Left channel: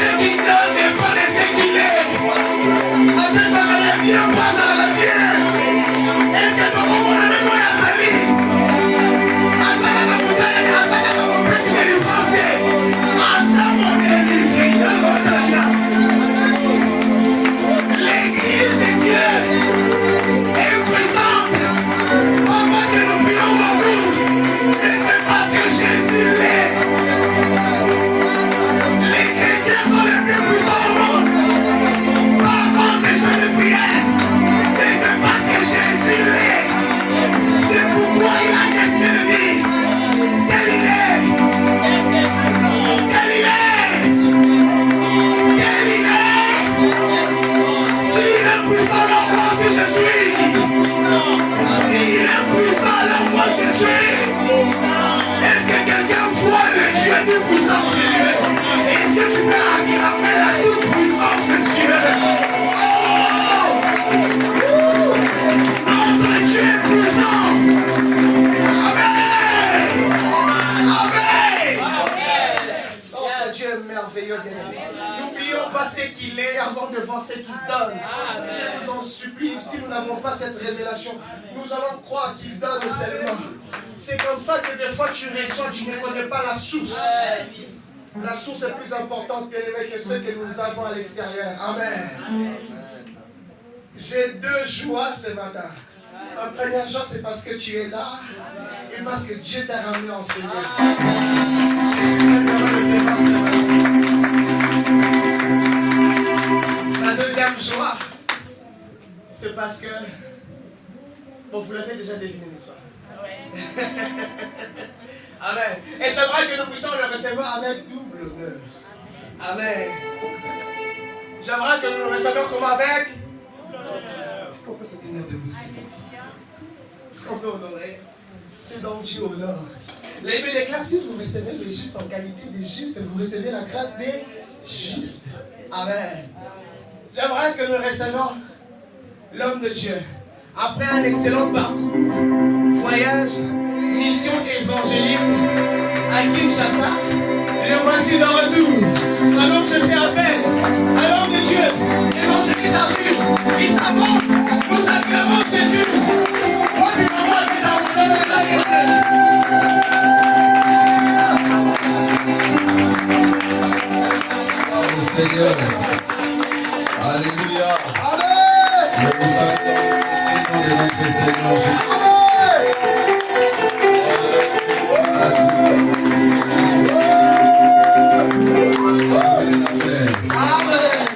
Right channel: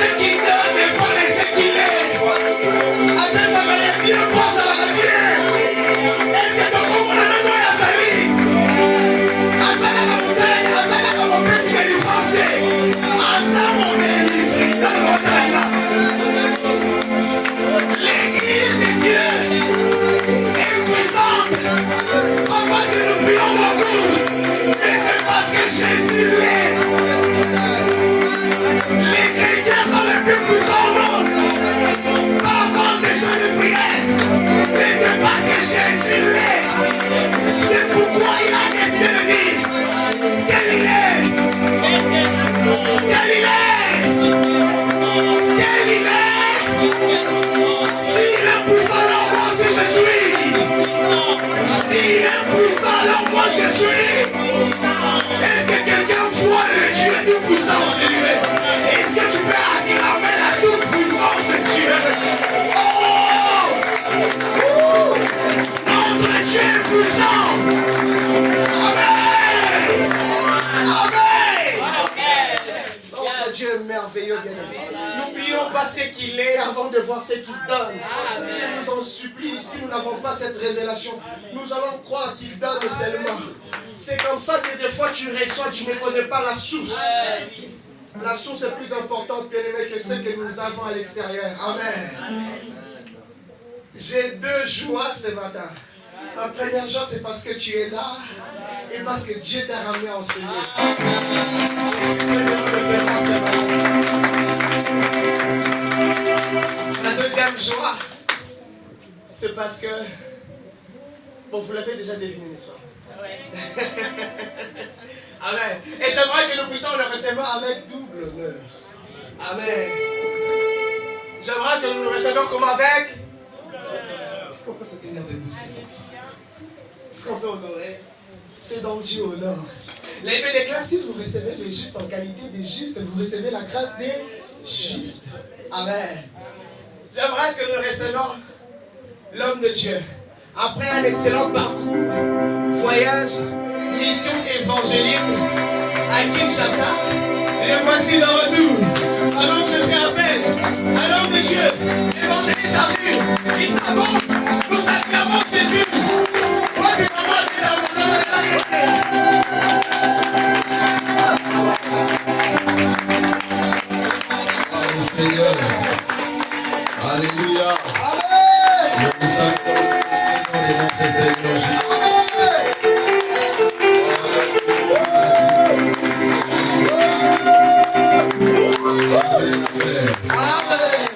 ce qu'il donne dépend de ce qu'il est. Après ça, il y a bien pas à la terre. Est-ce que tu comprends le quoi à sa vie? À ça, la montagne, à ça, la montagne, c'est qu'il est français. À ça, on est les filles dans le montagne. L'église de Dieu est puissante. Papa, c'est nous prions beaucoup. Et c'est parce que Jésus l'est. Les chrétiens sont les plus puissants au monde. Pas à cause des jeux de prière. Mais c'est parce que Jésus l'est. C'est pourquoi il a décidé de dire quel il est. Quel il est. Quel il est. S'il est puissant, alors moi aussi je suis. S'il est puissant, alors moi je suis. Est-ce que quelqu'un voit le Dieu tout puissant chez lui? Est-ce que tu peux acclamer la toute puissance de Dieu? Oh! Notre Dieu est puissant. Amen. Amen. Notre Dieu est merveilleux, bien-aimé. N'oublions pas ce qu'il est avant de voir ce qu'il donne. Je vous en supplie, si nous n'avons pas cette révélation, nous allons croire qu'il donne seulement. C'est comme ça que des fois tu reçois, tu ne connais pas la source. La source est plus importante, bien-aimé, que ce que nous avons à l'extérieur. Amen. J'ai deux joies ce matin. La première joie, c'est parce que tu es là et parce que Dieu t'a ramené en ce lieu. La deuxième joie, c'est parce que, bon, vous l'avez déjà deviné, n'est-ce pas? Amen. Et j'aimerais que nous puissions le recevoir avec double honneur. Amen. J'aimerais que nous le recevions comme avec. Est-ce qu'on peut se tenir debout, s'il vous plaît? Est-ce qu'on peut honorer? C'est donc Dieu honore. La Bible déclare, si vous recevez les justes en qualité des justes, vous recevez la grâce des justes. Amen. J'aimerais que nous recevions l'homme de Dieu. Après un excellent parcours, voyage, mission évangélique à Kinshasa, le voici de retour. Alors je fais appel à l'homme de Dieu, l'évangéliste Arthur, il s'avance, nous acclamons Jésus. Seigneur, alléluia. Amen. Nous vous acclamons au nom de notre Seigneur Jésus.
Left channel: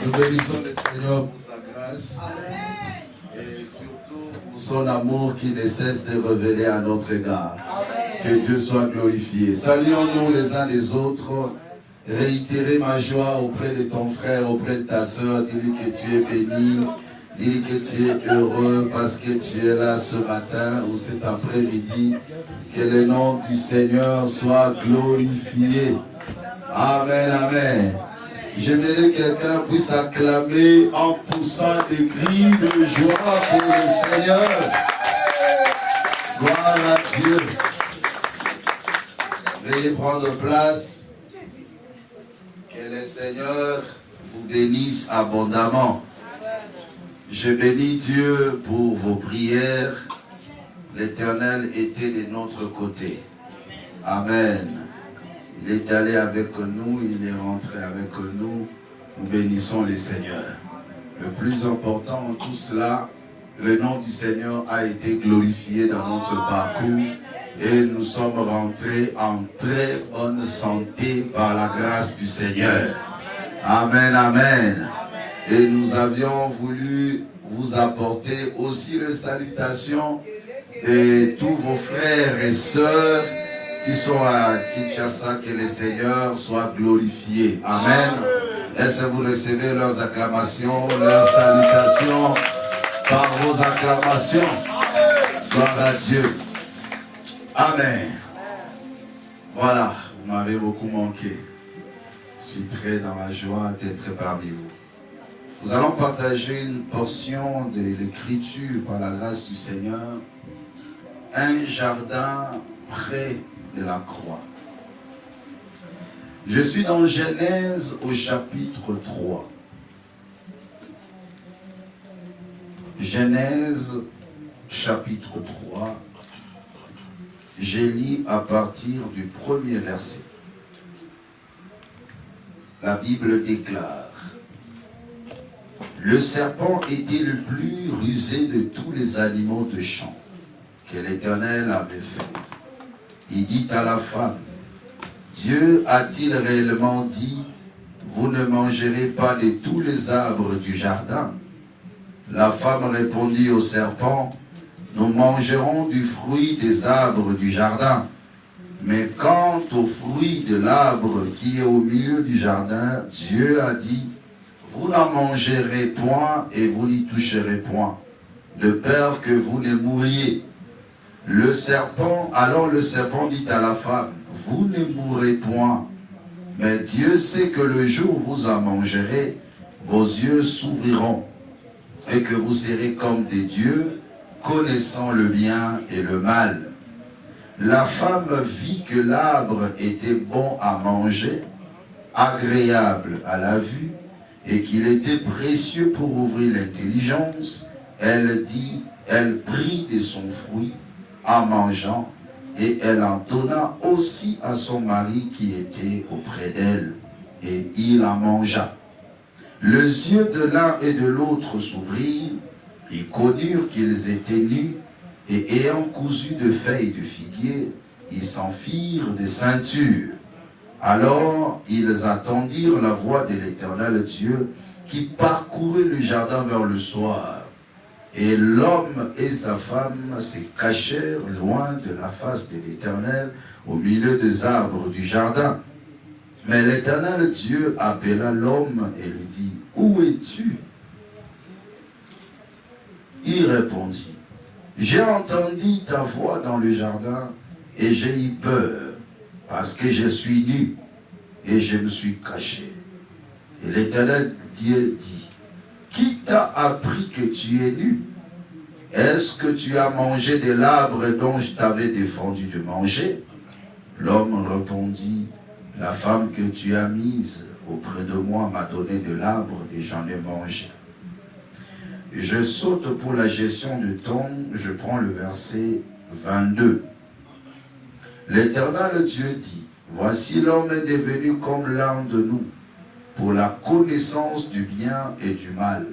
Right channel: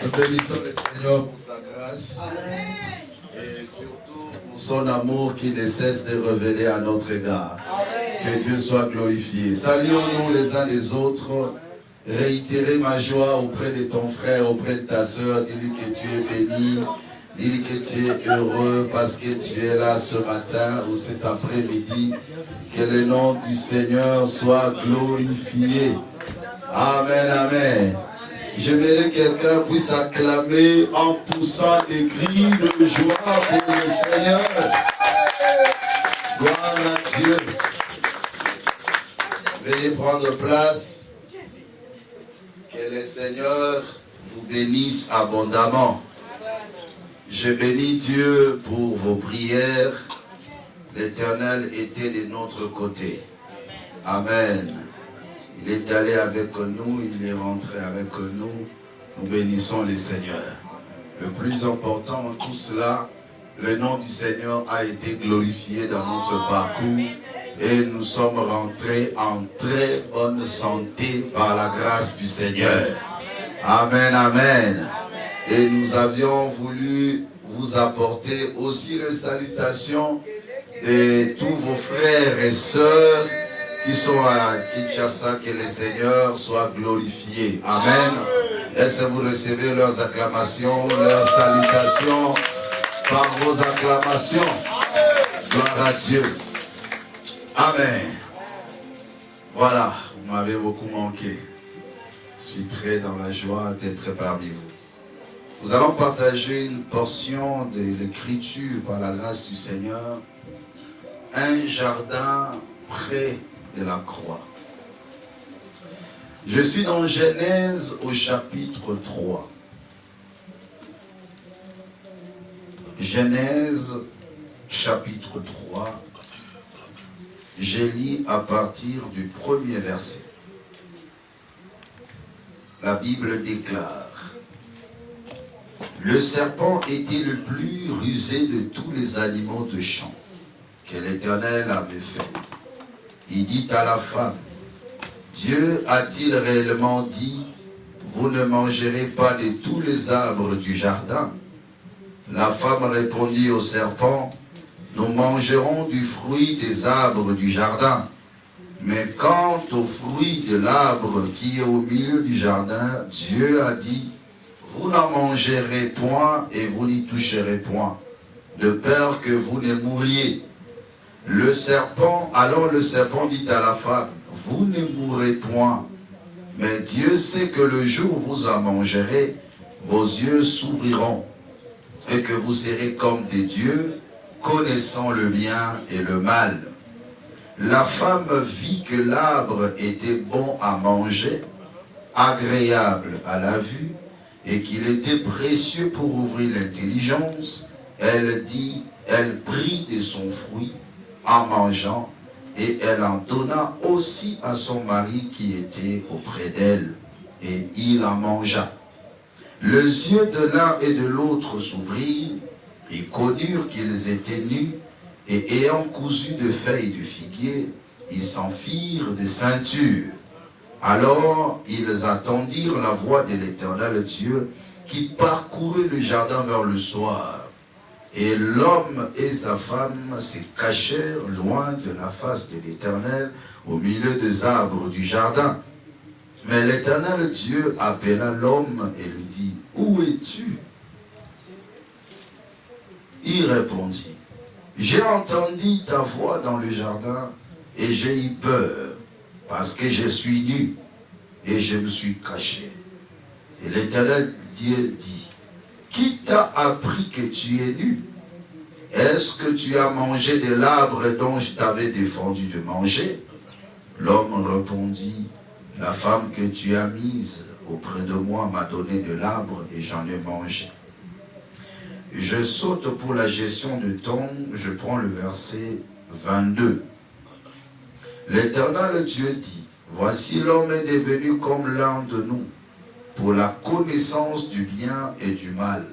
Nous bénissons le Seigneur pour sa grâce. Et surtout pour son amour qui ne cesse de révéler à notre égard. Que Dieu soit glorifié. Saluons-nous les uns les autres. Réitérer ma joie auprès de ton frère, auprès de ta soeur. Dis-lui que tu es béni. Dis-lui que tu es heureux parce que tu es là ce matin ou cet après-midi. Que le nom du Seigneur soit glorifié. Amen, amen. J'aimerais que quelqu'un puisse acclamer en poussant des cris de joie pour le Seigneur. Gloire à Dieu. Veuillez prendre place. Que le Seigneur vous bénisse abondamment. Je bénis Dieu pour vos prières. L'Éternel était de notre côté. Amen. Il est allé avec nous, il est rentré avec nous. Nous bénissons le Seigneur. Le plus important en tout cela, le nom du Seigneur a été glorifié dans notre parcours. Et nous sommes rentrés en très bonne santé par la grâce du Seigneur. Amen, amen. Et nous avions voulu vous apporter aussi les salutations de tous vos frères et sœurs qui sont à Kinshasa. Que le Seigneur soit glorifié. Amen. Est-ce que vous recevez leurs acclamations, leurs salutations par vos acclamations? Gloire à Dieu. Amen. Voilà, vous m'avez beaucoup manqué. Je suis très dans la joie d'être parmi vous. Nous allons partager une portion de l'Écriture par la grâce du Seigneur. Un jardin près de la croix. Je suis dans Genèse au chapitre 3. Genèse chapitre 3. J'ai lu à partir du premier verset. La Bible déclare: le serpent était le plus rusé de tous les animaux de champ que l'Éternel avait fait. Il dit à la femme: Dieu a-t-il réellement dit, vous ne mangerez pas de tous les arbres du jardin? La femme répondit au serpent: nous mangerons du fruit des arbres du jardin. Mais quant au fruit de l'arbre qui est au milieu du jardin, Dieu a dit: vous n'en mangerez point et vous n'y toucherez point, de peur que vous ne mouriez. Alors le serpent dit à la femme: vous ne mourrez point, mais Dieu sait que le jour où vous en mangerez, vos yeux s'ouvriront, et que vous serez comme des dieux, connaissant le bien et le mal. La femme vit que l'arbre était bon à manger, agréable à la vue, et qu'il était précieux pour ouvrir l'intelligence. Elle prit de son fruit en mangeant, et elle en donna aussi à son mari qui était auprès d'elle, et il en mangea. Les yeux de l'un et de l'autre s'ouvrirent, ils connurent qu'ils étaient nus, et ayant cousu de feuilles de figuier, ils s'en firent des ceintures. Alors ils attendirent la voix de l'Éternel Dieu qui parcourait le jardin vers le soir. Et l'homme et sa femme se cachèrent loin de la face de l'Éternel au milieu des arbres du jardin. Mais l'Éternel Dieu appela l'homme et lui dit: où es-tu? Il répondit: j'ai entendu ta voix dans le jardin et j'ai eu peur parce que je suis nu et je me suis caché. Et l'Éternel Dieu dit: qui t'a appris que tu es nu? Est-ce que tu as mangé de l'arbre dont je t'avais défendu de manger? L'homme répondit: la femme que tu as mise auprès de moi m'a donné de l'arbre et j'en ai mangé. Je saute pour la gestion du temps, je prends le verset 22. L'Éternel Dieu dit: voici l'homme est devenu comme l'un de nous, pour la connaissance du bien et du mal.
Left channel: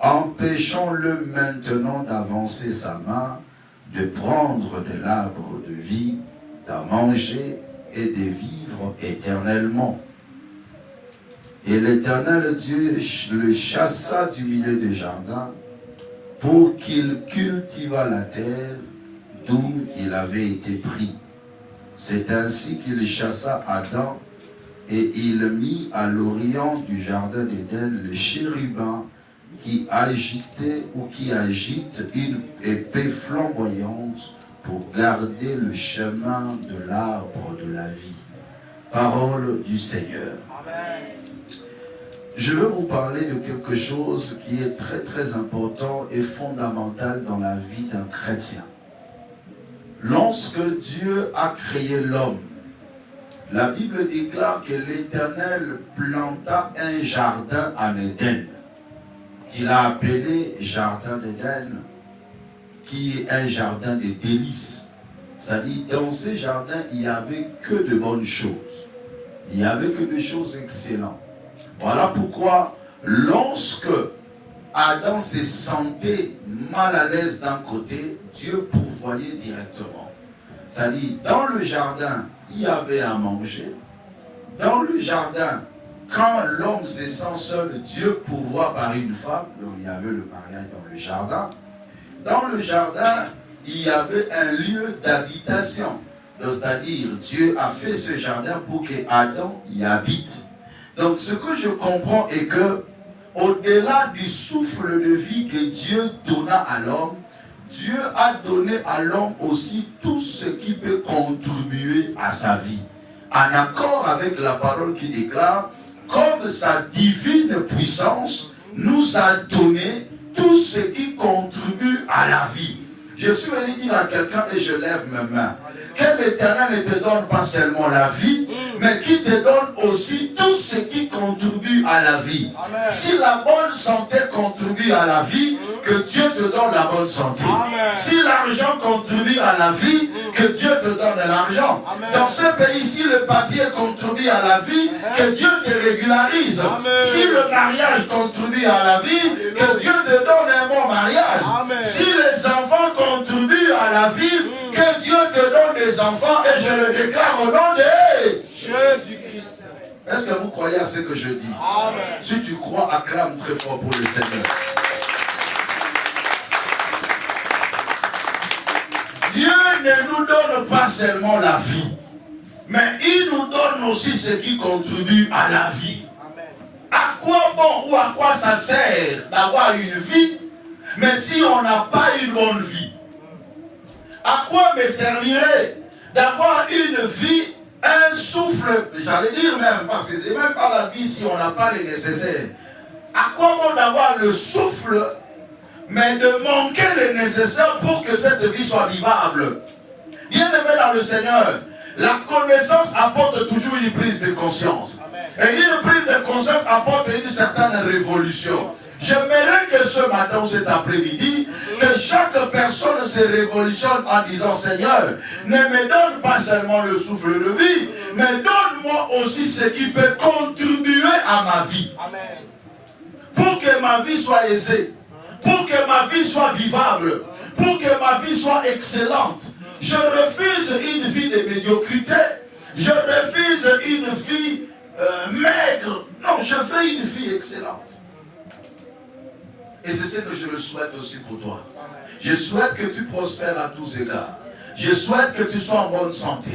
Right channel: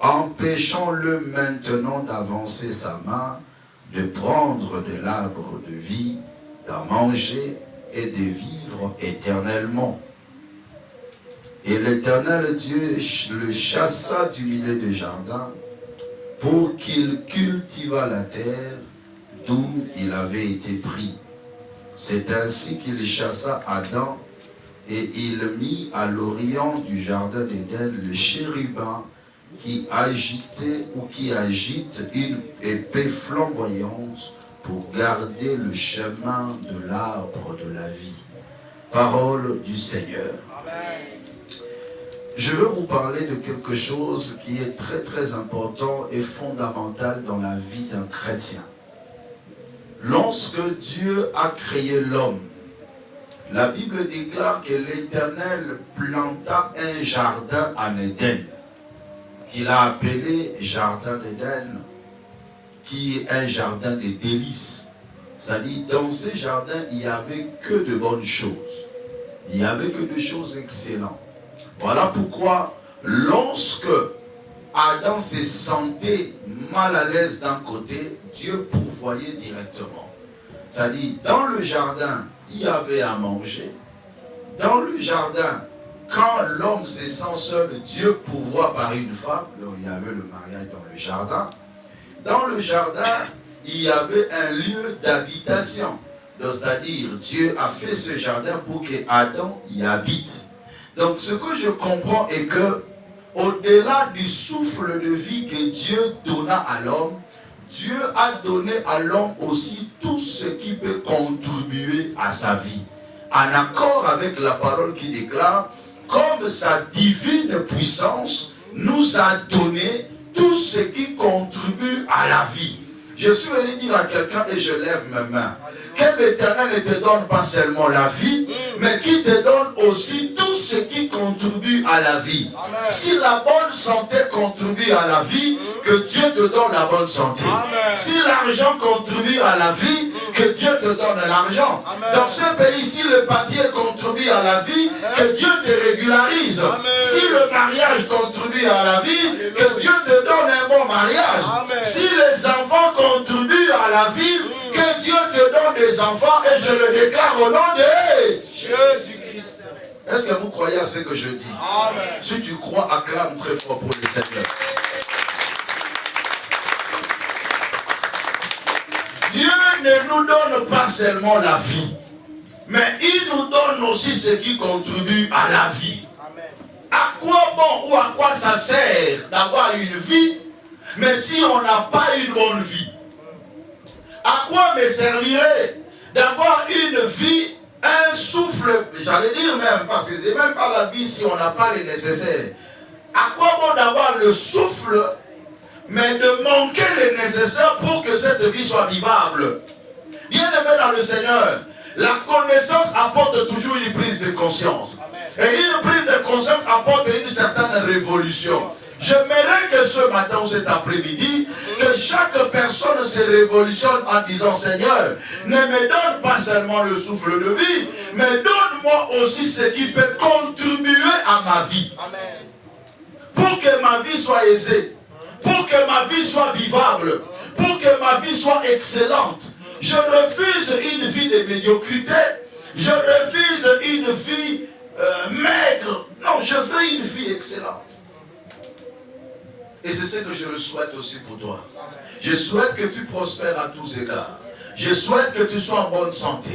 Empêchons-le maintenant d'avancer sa main, de prendre de l'arbre de vie, d'en manger et de vivre éternellement. Et l'Éternel Dieu le chassa du milieu du jardin pour qu'il cultivât la terre d'où il avait été pris. C'est ainsi qu'il chassa Adam et il mit à l'orient du jardin d'Éden le chérubin qui agitait ou qui agite une épée flamboyante pour garder le chemin de l'arbre de la vie. Parole du Seigneur. Amen. Je veux vous parler de quelque chose qui est très très important et fondamental dans la vie d'un chrétien. Lorsque Dieu a créé l'homme, la Bible déclare que l'Éternel planta un jardin en Éden, qu'il a appelé jardin d'Éden, qui est un jardin de délices. C'est-à-dire, dans ce jardin, il n'y avait que de bonnes choses. Il n'y avait que des choses excellentes. Voilà pourquoi, lorsque Adam se sentait mal à l'aise d'un côté, Dieu pourvoyait directement. C'est-à-dire, dans le jardin, il y avait à manger. Dans le jardin, quand l'homme se sent seul, Dieu pourvoit par une femme. Donc, il y avait le mariage dans le jardin. Dans le jardin, il y avait un lieu d'habitation. C'est-à-dire, Dieu a fait ce jardin pour que Adam y habite. Donc, ce que je comprends est que, au-delà du souffle de vie que Dieu donna à l'homme, Dieu a donné à l'homme aussi tout ce qui peut contribuer à sa vie. En accord avec la parole qui déclare, comme sa divine puissance nous a donné tout ce qui contribue à la vie. Je suis venu dire à quelqu'un et je lève mes mains que l'Éternel ne te donne pas seulement la vie, mais qu'il te donne aussi tout ce qui contribue à la vie. Amen. Si la bonne santé contribue à la vie, que Dieu te donne la bonne santé. Amen. Si l'argent contribue à la vie, que Dieu te donne l'argent. Dans ce pays-ci, le papier contribue à la vie, que Dieu te régularise. Amen. Si le mariage contribue à la vie, que Dieu te donne un bon mariage. Amen. Si les enfants contribuent à la vie, que Dieu te donne des enfants, et je le déclare au nom de Jésus-Christ. Est-ce que vous croyez à ce que je dis? Amen. Si tu crois, acclame très fort pour le Seigneur. Dieu ne nous donne pas seulement la vie, mais il nous donne aussi ce qui contribue à la vie. Amen. À quoi bon ou à quoi ça sert d'avoir une vie, mais si on n'a pas une bonne vie? À quoi me servirait d'avoir une vie, un souffle, j'allais dire même, parce que c'est même pas la vie si on n'a pas les nécessaires. À quoi bon d'avoir le souffle, mais de manquer le nécessaire pour que cette vie soit vivable? Bien aimé dans le Seigneur, la connaissance apporte toujours une prise de conscience. Amen. Et une prise de conscience apporte une certaine révolution. J'aimerais que ce matin ou cet après-midi, que chaque personne se révolutionne en disant: Seigneur, ne me donne pas seulement le souffle de vie, mais donne-moi aussi ce qui peut contribuer à ma vie. Amen. Pour que ma vie soit aisée, pour que ma vie soit vivable, pour que ma vie soit excellente. Je refuse une vie de médiocrité, je refuse une vie maigre. Non, je veux une vie excellente. Et c'est ce que je le souhaite aussi pour toi. Je souhaite que tu prospères à tous égards. Je souhaite que tu sois en bonne santé.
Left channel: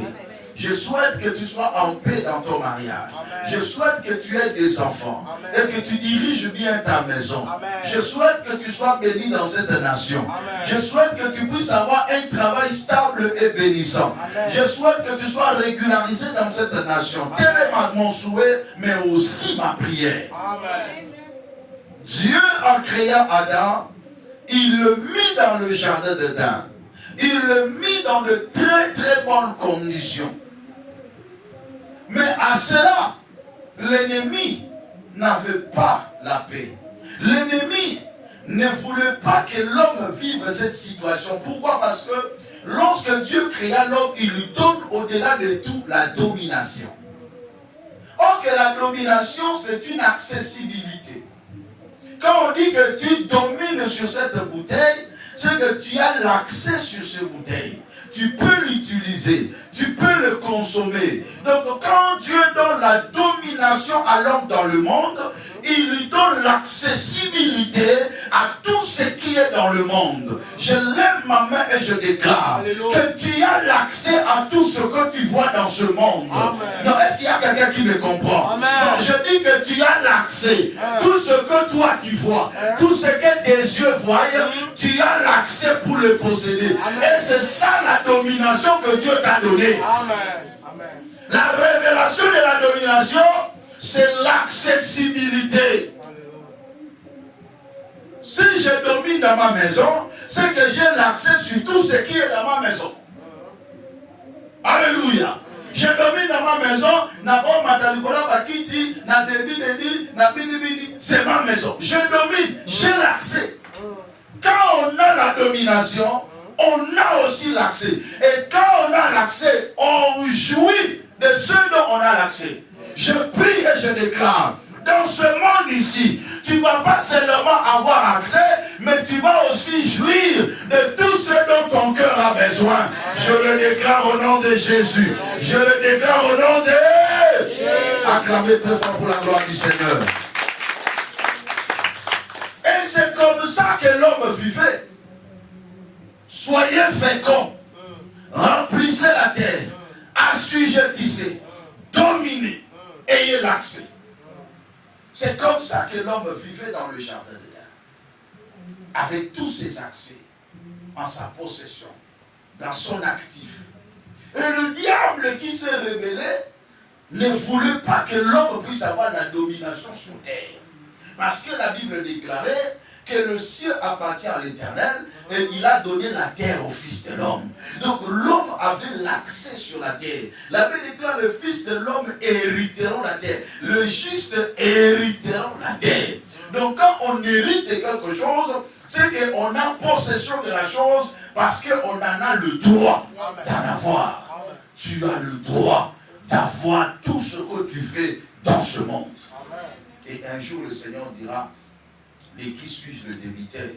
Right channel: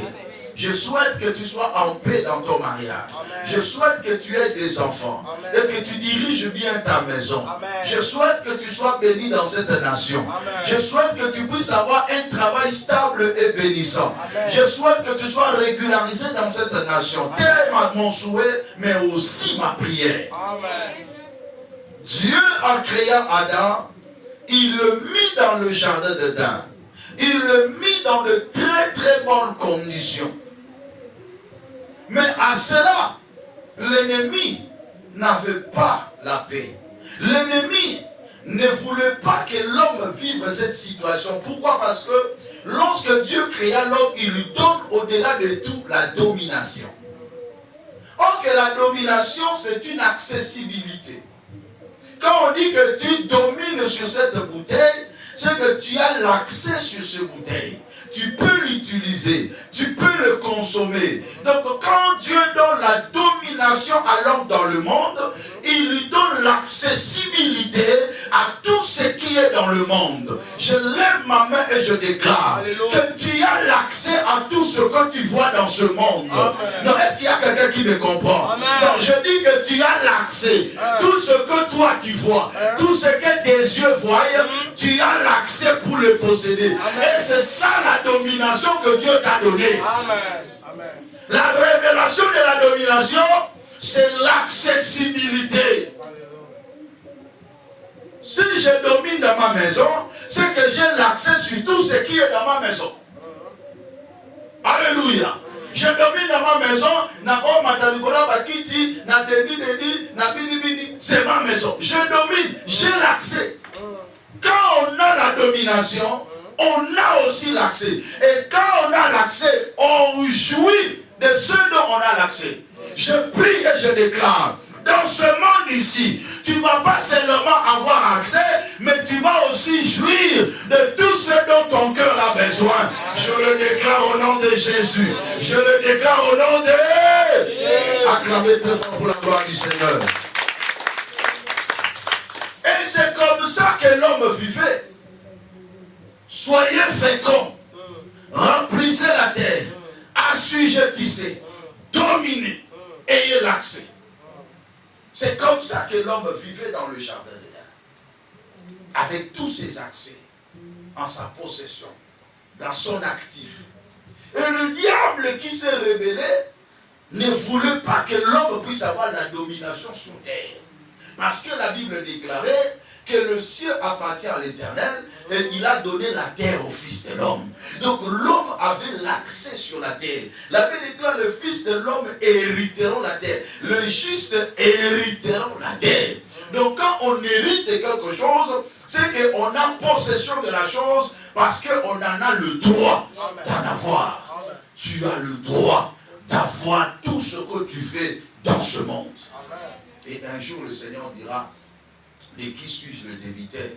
Je souhaite que tu sois en paix dans ton mariage. Amen. Je souhaite que tu aies des enfants. Amen. Et que tu diriges bien ta maison. Amen. Je souhaite que tu sois béni dans cette nation. Amen. Je souhaite que tu puisses avoir un travail stable et bénissant. Amen. Je souhaite que tu sois régularisé dans cette nation. Tel est mon souhait, mais aussi ma prière. Amen. Dieu, en créant Adam, il le mit dans le jardin d'Éden. Il le mit dans de très très bonnes conditions. Mais à cela, l'ennemi n'avait pas la paix. L'ennemi ne voulait pas que l'homme vive cette situation. Pourquoi? Parce que lorsque Dieu créa l'homme, il lui donne au-delà de tout la domination. Or que la domination, c'est une accessibilité. Quand on dit que tu domines sur cette bouteille, c'est que tu as l'accès sur cette bouteille. Tu peux l'utiliser, tu peux le consommer. Donc quand Dieu donne la domination à l'homme dans le monde, il lui donne l'accessibilité à tout ce qui est dans le monde. Je lève ma main et je déclare que tu as l'accès à tout ce que tu vois dans ce monde. Amen. Non, est-ce qu'il y a quelqu'un qui me comprend? Amen. Non, je dis que tu as l'accès. Tout ce que toi tu vois, tout ce que tes yeux voient, tu as l'accès pour le posséder. Et c'est ça la domination que Dieu t'a donnée. Amen. Amen. La révélation de la domination, c'est l'accessibilité. Si je domine dans ma maison, c'est que j'ai l'accès sur tout ce qui est dans ma maison. Alléluia. Je domine dans ma maison, c'est ma maison. Je domine, j'ai l'accès. Quand on a la domination, on a aussi l'accès. Et quand on a l'accès, on jouit de ce dont on a l'accès. Je prie et je déclare, dans ce monde ici, tu ne vas pas seulement avoir accès, mais tu vas aussi jouir de tout ce dont ton cœur a besoin. Je le déclare au nom de Jésus. Je le déclare au nom de Jésus. Acclamez très fort pour la gloire du Seigneur. Et c'est comme ça que l'homme vivait. Soyez féconds, remplissez la terre, assujettissez, dominez, ayez l'accès. C'est comme ça que l'homme vivait dans le jardin d'Éden, avec tous ses accès en sa possession, dans son actif. Et le diable qui s'est rebellé ne voulait pas que l'homme puisse avoir la domination sur terre. Parce que la Bible déclarait que le ciel appartient à l'Éternel et il a donné la terre au Fils de l'homme. Donc l'homme avait l'accès sur la terre. La Bible déclare le Fils de l'homme hériteront la terre. Le juste hériteront la terre. Donc quand on hérite de quelque chose, c'est qu'on a possession de la chose parce qu'on en a le droit d'en avoir. Tu as le droit d'avoir tout ce que tu fais dans ce monde. Et un jour le Seigneur dira, et qui suis-je le débiteur?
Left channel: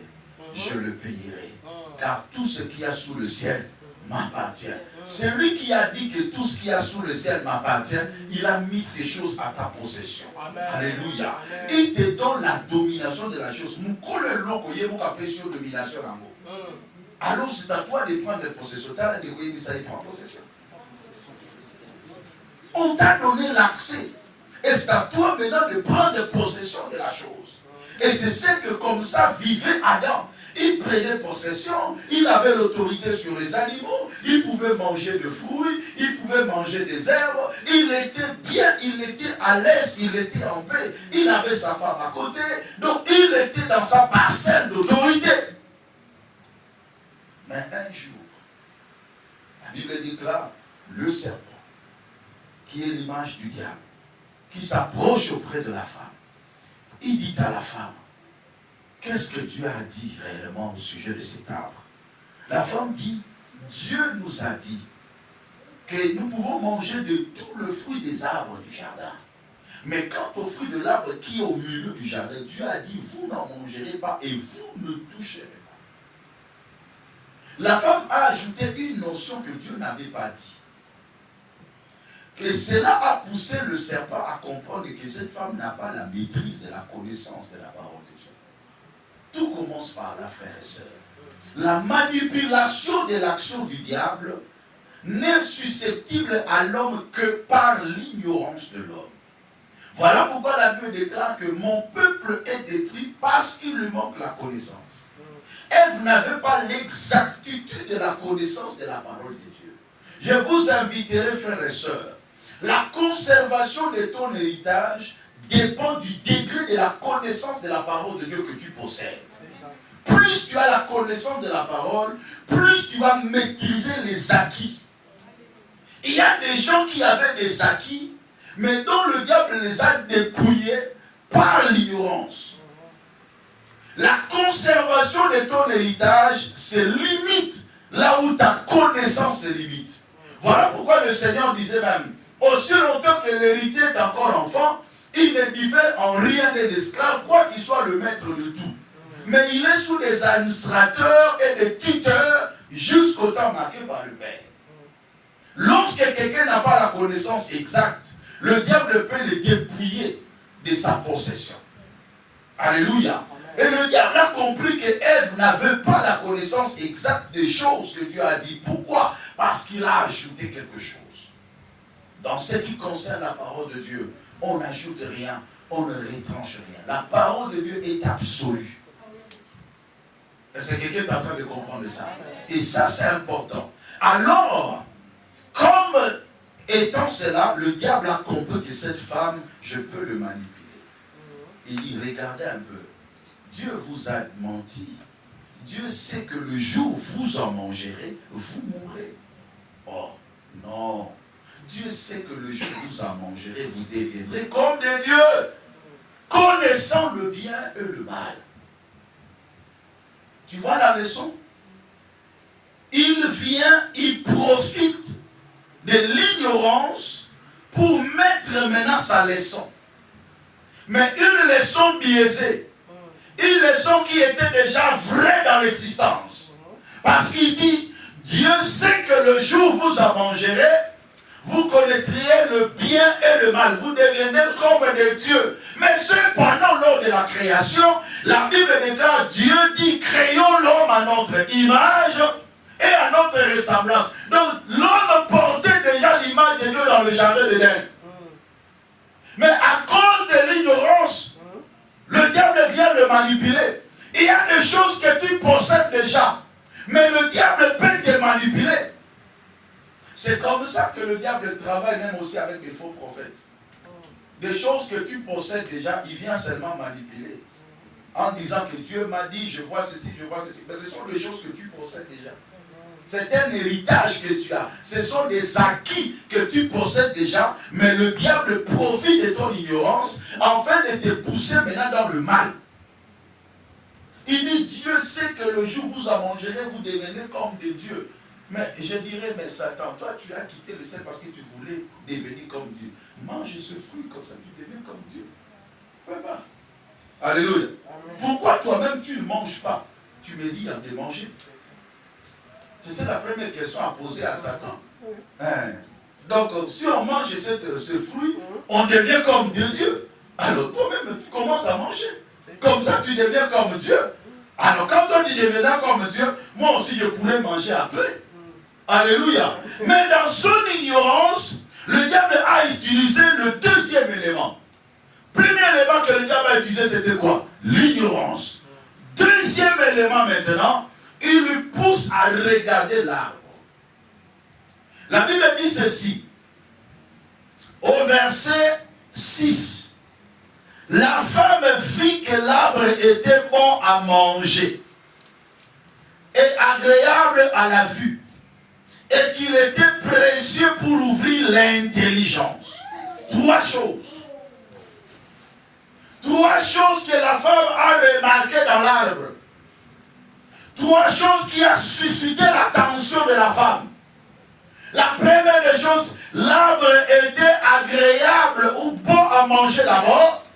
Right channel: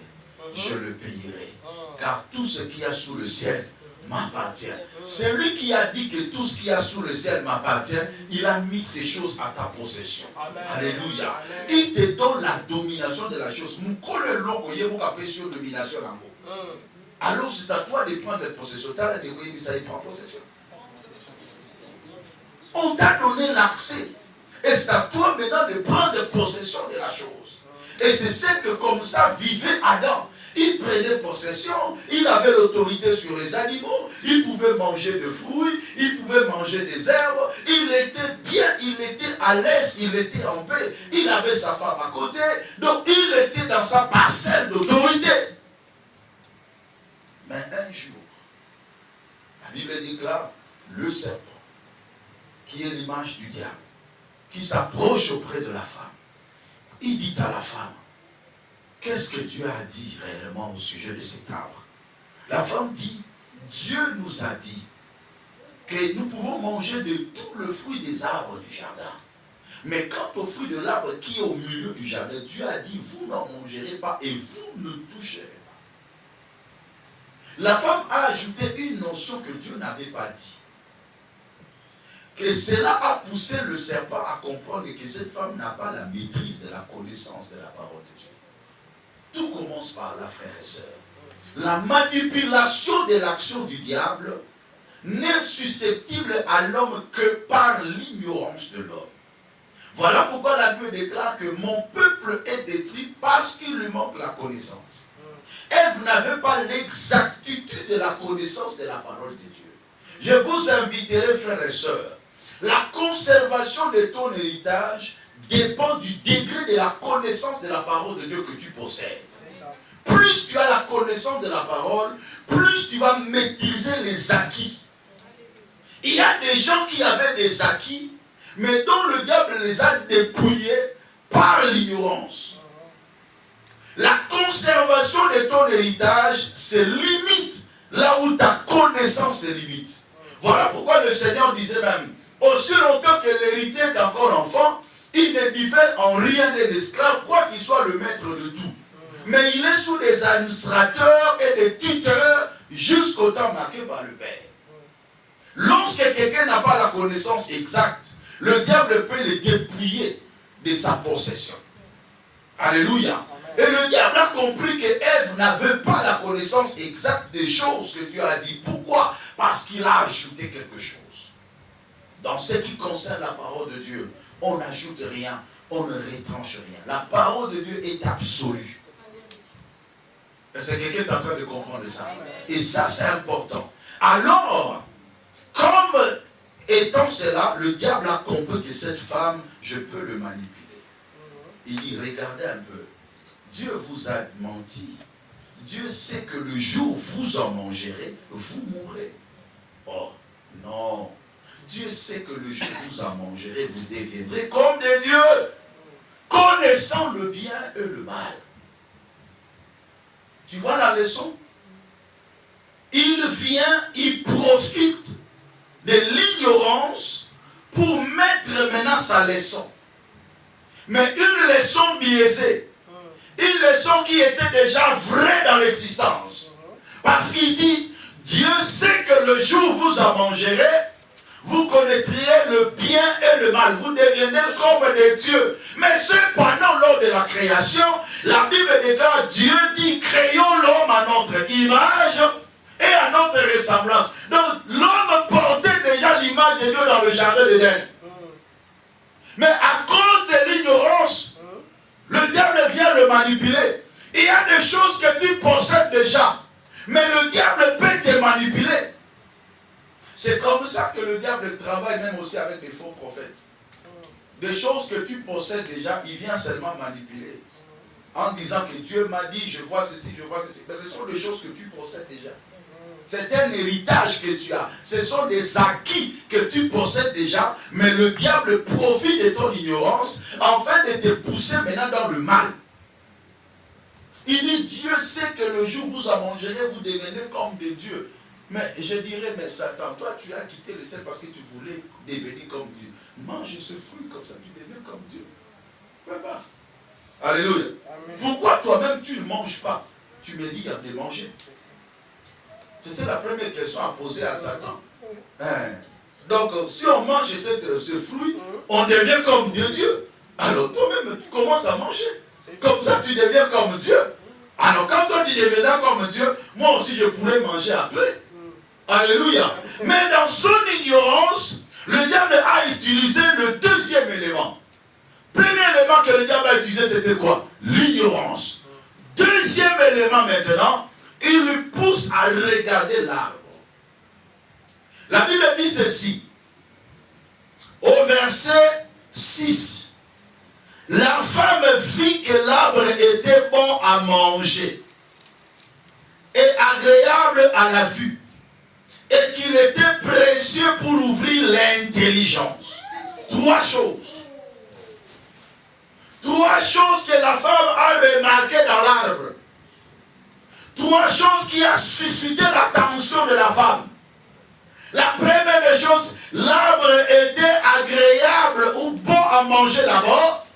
Je le payerai. Car tout ce qu'il y a sous le ciel m'appartient. C'est lui qui a dit que tout ce qu'il y a sous le ciel m'appartient. Il a mis ces choses à ta possession. Amen. Alléluia. Amen. Il te donne la domination de la chose. Alors c'est à toi de prendre les possessions. Possession. On t'a donné l'accès. Et c'est à toi maintenant de prendre possession de la chose. Et c'est ce que comme ça vivait Adam. Il prenait possession, il avait l'autorité sur les animaux, il pouvait manger de fruits, il pouvait manger des herbes, il était bien, il était à l'aise, il était en paix, il avait sa femme à côté, donc il était dans sa parcelle d'autorité. Mais un jour, la Bible déclare, le serpent, qui est l'image du diable, qui s'approche auprès de la femme, il dit à la femme, qu'est-ce que Dieu a dit réellement au sujet de cet arbre? La femme dit, Dieu nous a dit que nous pouvons manger de tout le fruit des arbres du jardin. Mais quant au fruit de l'arbre qui est au milieu du jardin, Dieu a dit, vous n'en mangerez pas et vous ne toucherez pas. La femme a ajouté une notion que Dieu n'avait pas dit. Et cela a poussé le serpent à comprendre que cette femme n'a pas la maîtrise de la connaissance de la parole de Dieu. Tout commence par là, frères et sœurs. La manipulation de l'action du diable n'est susceptible à l'homme que par l'ignorance de l'homme. Voilà pourquoi la Bible déclare que mon peuple est détruit parce qu'il lui manque la connaissance. Ève n'avait pas l'exactitude de la connaissance de la parole de Dieu. Je vous inviterai, frères et sœurs, la conservation de ton héritage dépend du degré de la connaissance de la parole de Dieu que tu possèdes. Plus tu as la connaissance de la parole, plus tu vas maîtriser les acquis. Il y a des gens qui avaient des acquis, mais dont le diable les a dépouillés par l'ignorance. La conservation de ton héritage, c'est limite là où ta connaissance est limite. Voilà pourquoi le Seigneur disait même, aussi longtemps que l'héritier est encore enfant, il ne diffère en rien des esclaves, quoi qu'il soit le maître de tout. Mais il est sous des administrateurs et des tuteurs jusqu'au temps marqué par le Père. Lorsque quelqu'un n'a pas la connaissance exacte, le diable peut le dépouiller de sa possession. Alléluia. Et le diable a compris que Ève n'avait pas la connaissance exacte des choses que Dieu a dit. Pourquoi? Parce qu'il a ajouté quelque chose. Dans ce qui concerne la parole de Dieu, on n'ajoute rien, on ne retranche rien. La parole de Dieu est absolue. Est-ce que quelqu'un est en train de comprendre ça? Et ça, c'est important. Alors, comme étant cela, le diable a compris que cette femme, je peux le manipuler. Il dit, regardez un peu. Dieu vous a menti. Dieu sait que le jour où vous en mangerez, vous mourrez. Oh, non. Dieu sait que le jour où vous en mangerez, vous deviendrez comme des dieux, connaissant le bien et le mal. Tu vois la leçon? Il vient, il profite de l'ignorance pour mettre maintenant sa leçon. Mais une leçon biaisée. Une leçon qui était déjà vraie dans l'existence. Parce qu'il dit, Dieu sait que le jour où vous en mangerez, vous connaîtriez le bien et le mal. Vous deviendrez comme des dieux. Mais cependant, lors de la création, la Bible déclare, Dieu dit, créons l'homme à notre image et à notre ressemblance. Donc, l'homme portait déjà l'image de Dieu dans le jardin d'Éden. Mais à cause de l'ignorance, le diable vient le manipuler. Il y a des choses que tu possèdes déjà, mais le diable peut te manipuler. C'est comme ça que le diable travaille même aussi avec les faux prophètes. des choses que tu possèdes déjà, il vient seulement manipuler. En disant que Dieu m'a dit, je vois ceci, je vois ceci. Mais ce sont des choses que tu possèdes déjà. C'est un héritage que tu as. Ce sont des acquis que tu possèdes déjà. Mais le diable profite de ton ignorance afin de te pousser maintenant dans le mal. Il dit, Dieu sait que le jour où vous en mangerez, vous devenez comme des dieux. Mais je dirais, mais Satan, toi tu as quitté le ciel parce que tu voulais devenir comme Dieu. Mange ce fruit comme ça, tu deviens comme Dieu. Papa. Alléluia. Amen. Pourquoi toi-même tu ne manges pas? Tu me dis de manger. C'était la première question à poser à Satan. Hein? Donc, si on mange ce fruit, on devient comme Dieu. Alors toi-même, tu commences à manger. Comme ça, tu deviens comme Dieu. Alors, quand toi, tu deviendras comme Dieu, moi aussi, je pourrais manger après. Alléluia. Mais dans son ignorance, le diable a utilisé le deuxième élément. Premier élément que le diable a utilisé, c'était quoi? L'ignorance. Deuxième élément maintenant, il lui pousse à regarder l'arbre. La Bible dit ceci. Au verset 6. La femme vit que l'arbre était bon à manger et agréable à la vue et qu'il était précieux pour ouvrir l'intelligence. Trois choses. Trois choses que la femme a remarquées dans l'arbre. Trois choses qui ont suscité l'attention de la femme. La première des choses, l'arbre était agréable ou bon à manger d'abord.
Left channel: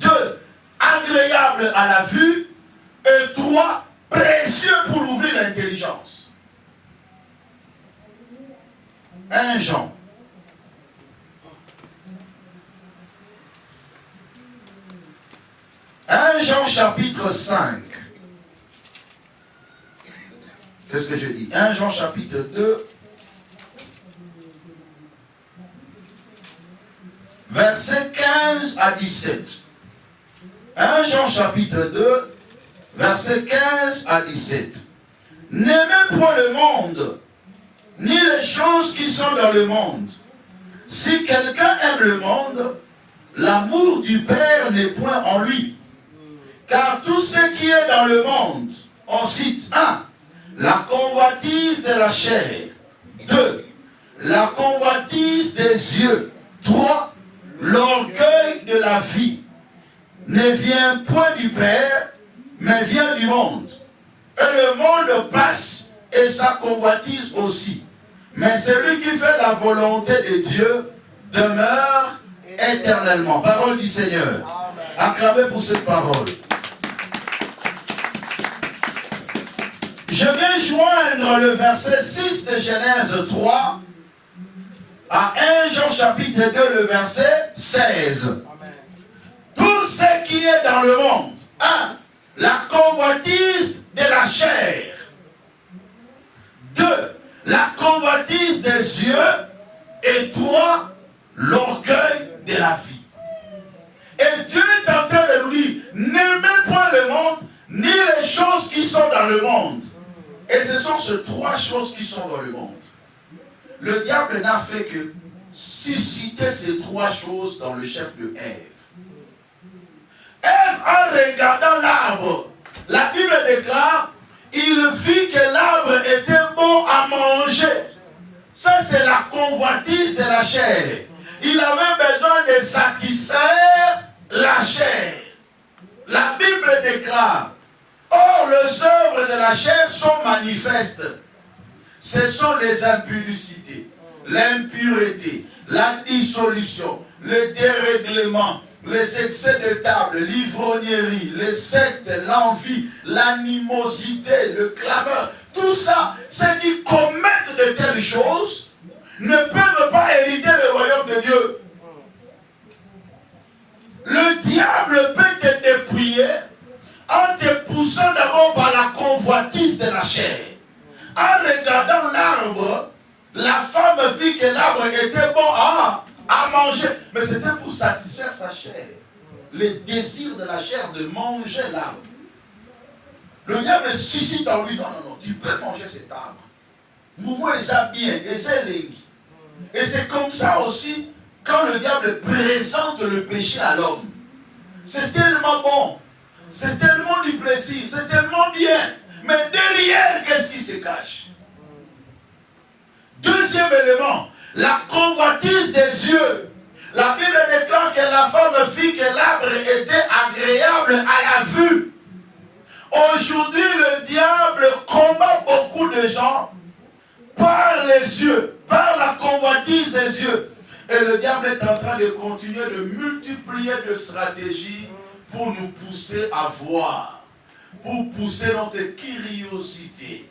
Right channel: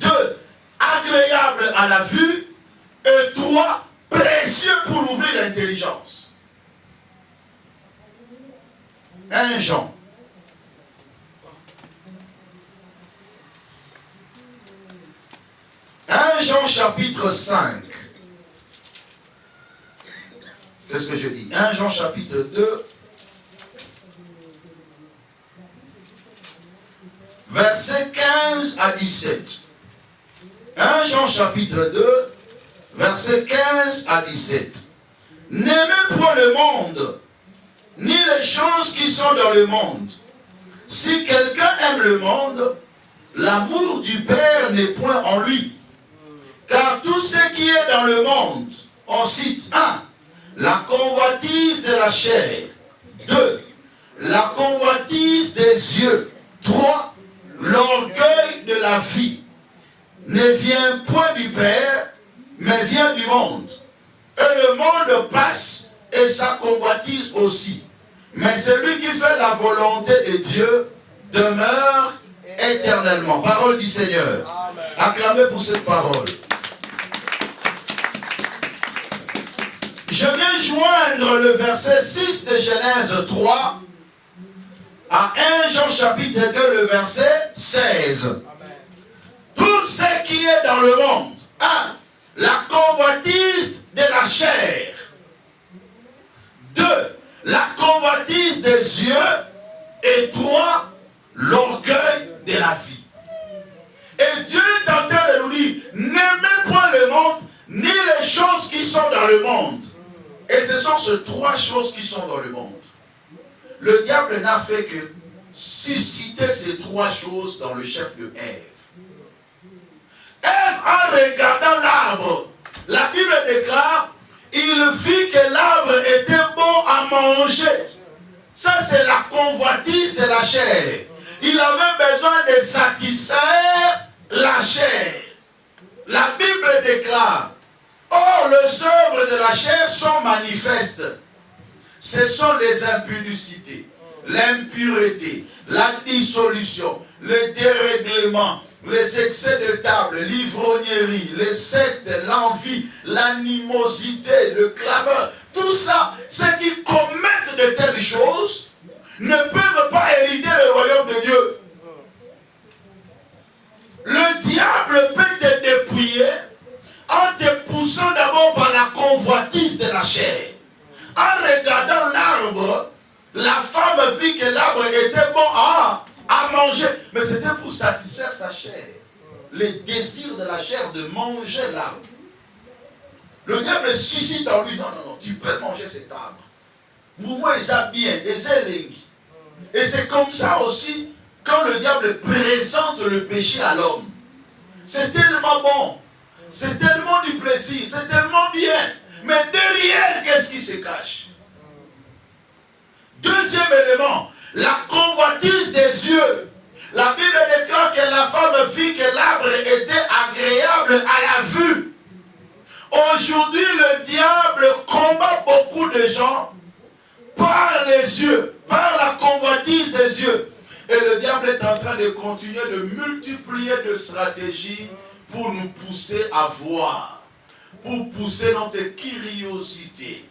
2, agréable à la vue. Et 3, précieux pour ouvrir l'intelligence. 1 Jean. 1 Jean chapitre 5. Qu'est-ce que je dis? 1 Jean chapitre 2. Verset 15 à 17. 1 Jean chapitre 2, verset 15 à 17. N'aimez point le monde, ni les choses qui sont dans le monde. Si quelqu'un aime le monde, l'amour du Père n'est point en lui. Car tout ce qui est dans le monde, on cite 1. La convoitise de la chair. 2. La convoitise des yeux. 3. L'orgueil de la vie ne vient point du Père, mais vient du monde. Et le monde passe et sa convoitise aussi. Mais celui qui fait la volonté de Dieu demeure éternellement. Parole du Seigneur. Amen. Acclamez pour cette parole. Je vais joindre le verset 6 de Genèse 3 à 1 Jean chapitre 2, le verset 16. Amen. Tout ce qui est dans le monde. 1. La convoitise de la chair. 2. La convoitise des yeux. Et 3. L'orgueil de la vie. Et Dieu est en train de nous dire, n'aimez point le monde, ni les choses qui sont dans le monde. Et ce sont ces trois choses qui sont dans le monde. Le diable n'a fait que susciter ces trois choses dans le chef de Ève. Ève, en regardant l'arbre, la Bible déclare, il vit que l'arbre était bon à manger. Ça, c'est la convoitise de la chair. Il avait besoin de satisfaire la chair. La Bible déclare, or, les œuvres de la chair sont manifestes. Ce sont les impudicités, l'impureté, la dissolution, le dérèglement, les excès de table, l'ivrognerie, les sectes, l'envie, l'animosité, le clameur. Tout ça, ceux qui commettent de telles choses ne peuvent pas hériter le royaume de Dieu. Le diable peut te dépouiller en te poussant d'abord par la convoitise de la chair. En regardant l'arbre, la femme vit que l'arbre était bon à manger. Mais c'était pour satisfaire sa chair. Le désir de la chair de manger l'arbre. Le diable suscite en lui, non, tu peux manger cet arbre. Moumou est bien, et c'est et c'est comme ça aussi, quand le diable présente le péché à l'homme, c'est tellement bon, c'est tellement du plaisir, c'est tellement bien. Mais derrière, qu'est-ce qui se cache? Deuxième élément, la convoitise des yeux. La Bible déclare que la femme vit que l'arbre était agréable à la vue. Aujourd'hui, le diable combat beaucoup de gens par les yeux, par la convoitise des yeux. Et le diable est en train de continuer de multiplier de stratégies pour nous pousser à voir, pour pousser notre curiosité.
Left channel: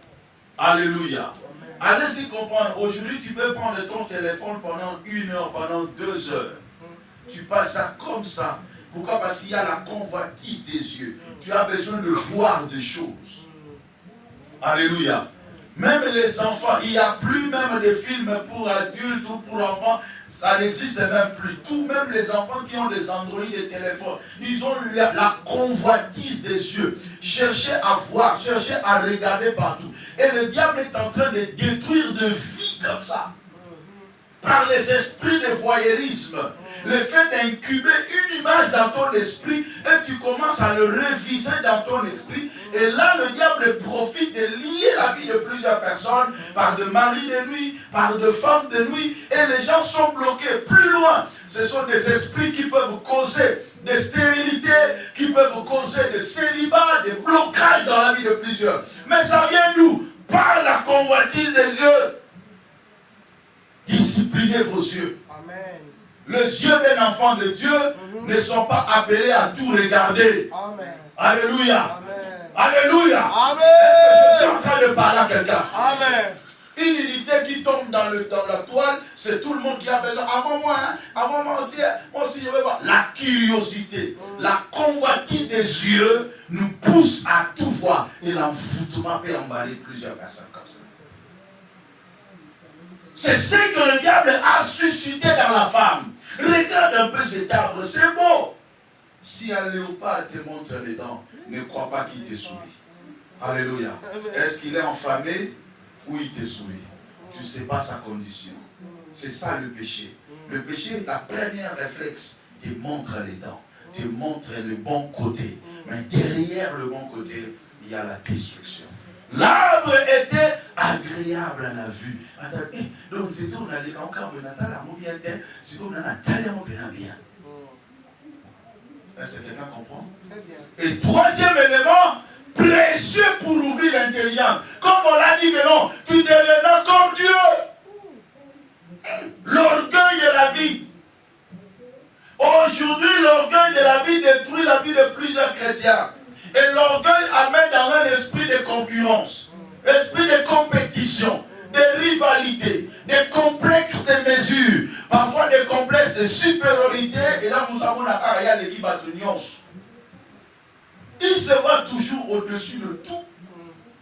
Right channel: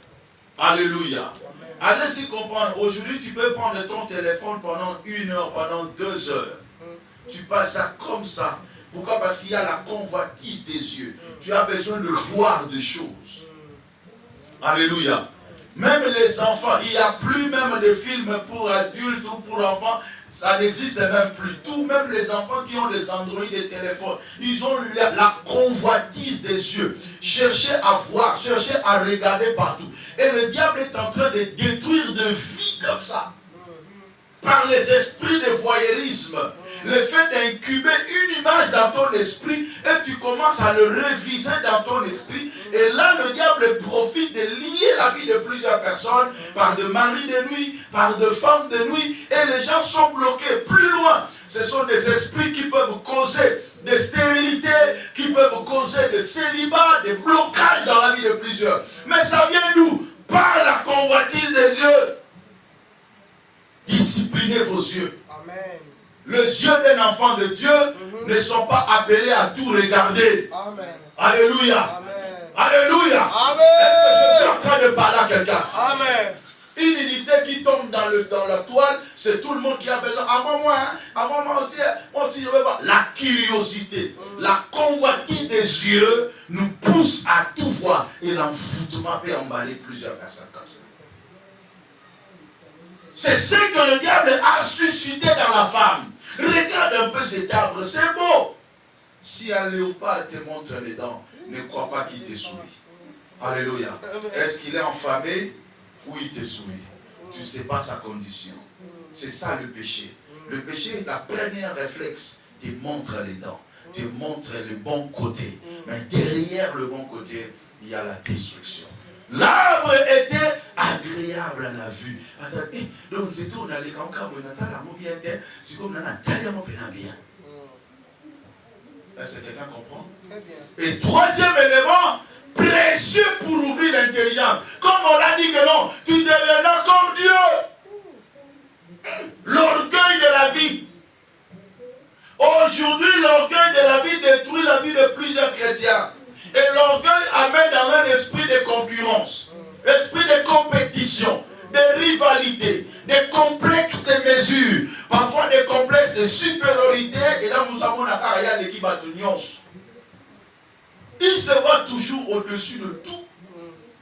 Alléluia. Allez-y comprendre. Aujourd'hui, tu peux prendre ton téléphone pendant 1 heure, pendant 2 heures. Tu passes ça comme ça. Pourquoi? Parce qu'il y a la convoitise des yeux. Tu as besoin de voir des choses. Alléluia. Même les enfants, il n'y a plus même de films pour adultes ou pour enfants. Ça n'existe même plus. Tout, même les enfants qui ont des Android et téléphones, ils ont la convoitise des yeux. Cherchez à voir, cherchez à regarder partout. Et le diable est en train de détruire de vie comme ça. Par les esprits de voyeurisme. Le fait d'incuber une image dans ton esprit et tu commences à le réviser dans ton esprit. Et là, le diable profite de lier la vie de plusieurs personnes par de maris de nuit, par de femmes de nuit. Et les gens sont bloqués. Plus loin, ce sont des esprits qui peuvent causer des stérilités, qui peuvent causer des célibats, des blocages dans la vie de plusieurs. Mais ça vient d'où? Par la convoitise des yeux. Disciplinez vos yeux. Amen. Les yeux d'un enfant de Dieu ne sont pas appelés à tout regarder. Amen. Alléluia. Amen. Alléluia. Amen. Est-ce que je suis en train de parler à quelqu'un? Amen. Une unité qui tombe dans la toile, c'est tout le monde qui a besoin. Avant moi, avant moi aussi je veux voir. La curiosité, la convoitise des yeux nous pousse à tout voir. Et l'envoûtement peut emballer plusieurs personnes comme ça. C'est ce que le diable a suscité dans la femme. Regarde un peu cet arbre, c'est beau. Si un léopard te montre les dents, ne crois pas qu'il te sourit. Alléluia. Est-ce qu'il est enflammé ou il te sourit? Tu ne sais pas sa condition. C'est ça le péché. Le péché, la première réflexe, te montre les dents, te montre le bon côté. Mais derrière le bon côté, il y a la destruction. L'arbre était agréable à la vue. Donc c'est tout, on a les cancans, on a bien. C'est comme on a bien. Est-ce que quelqu'un comprend? Et troisième élément, précieux pour ouvrir l'intelligence. Comme on l'a dit que non, tu deviendras comme Dieu. L'orgueil de la vie. Aujourd'hui, l'orgueil de la vie détruit la vie de plusieurs chrétiens. Et l'orgueil amène dans un esprit de concurrence, esprit de compétition, de rivalité, des complexes de mesure, parfois des complexes de supériorité. Et là, nous avons la carrière de qui bat l'union. Il se voit toujours au-dessus de tout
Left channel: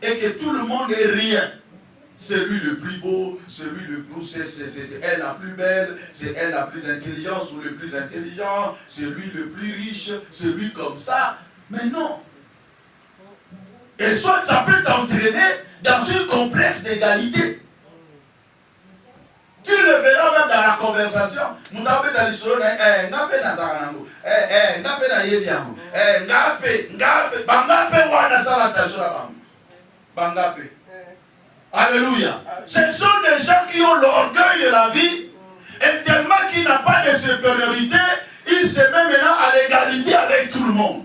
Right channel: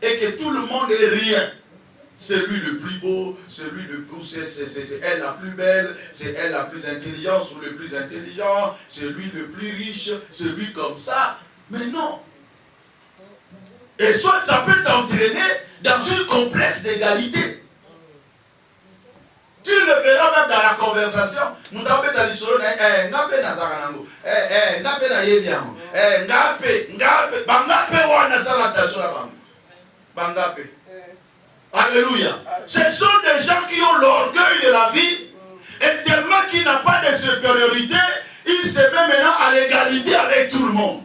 et que tout le monde est rien. C'est lui le plus beau, c'est lui le plus, c'est elle la plus belle, c'est elle la plus intelligente ou le plus intelligent, c'est lui le plus riche, c'est lui comme ça. Mais non. Et soit ça peut t'entraîner dans une complexe d'égalité. Tu le verras même dans la conversation. Alléluia. Ce sont des gens qui ont l'orgueil de la vie et tellement qu'il n'a pas de supériorité, il se met maintenant à l'égalité avec tout le monde.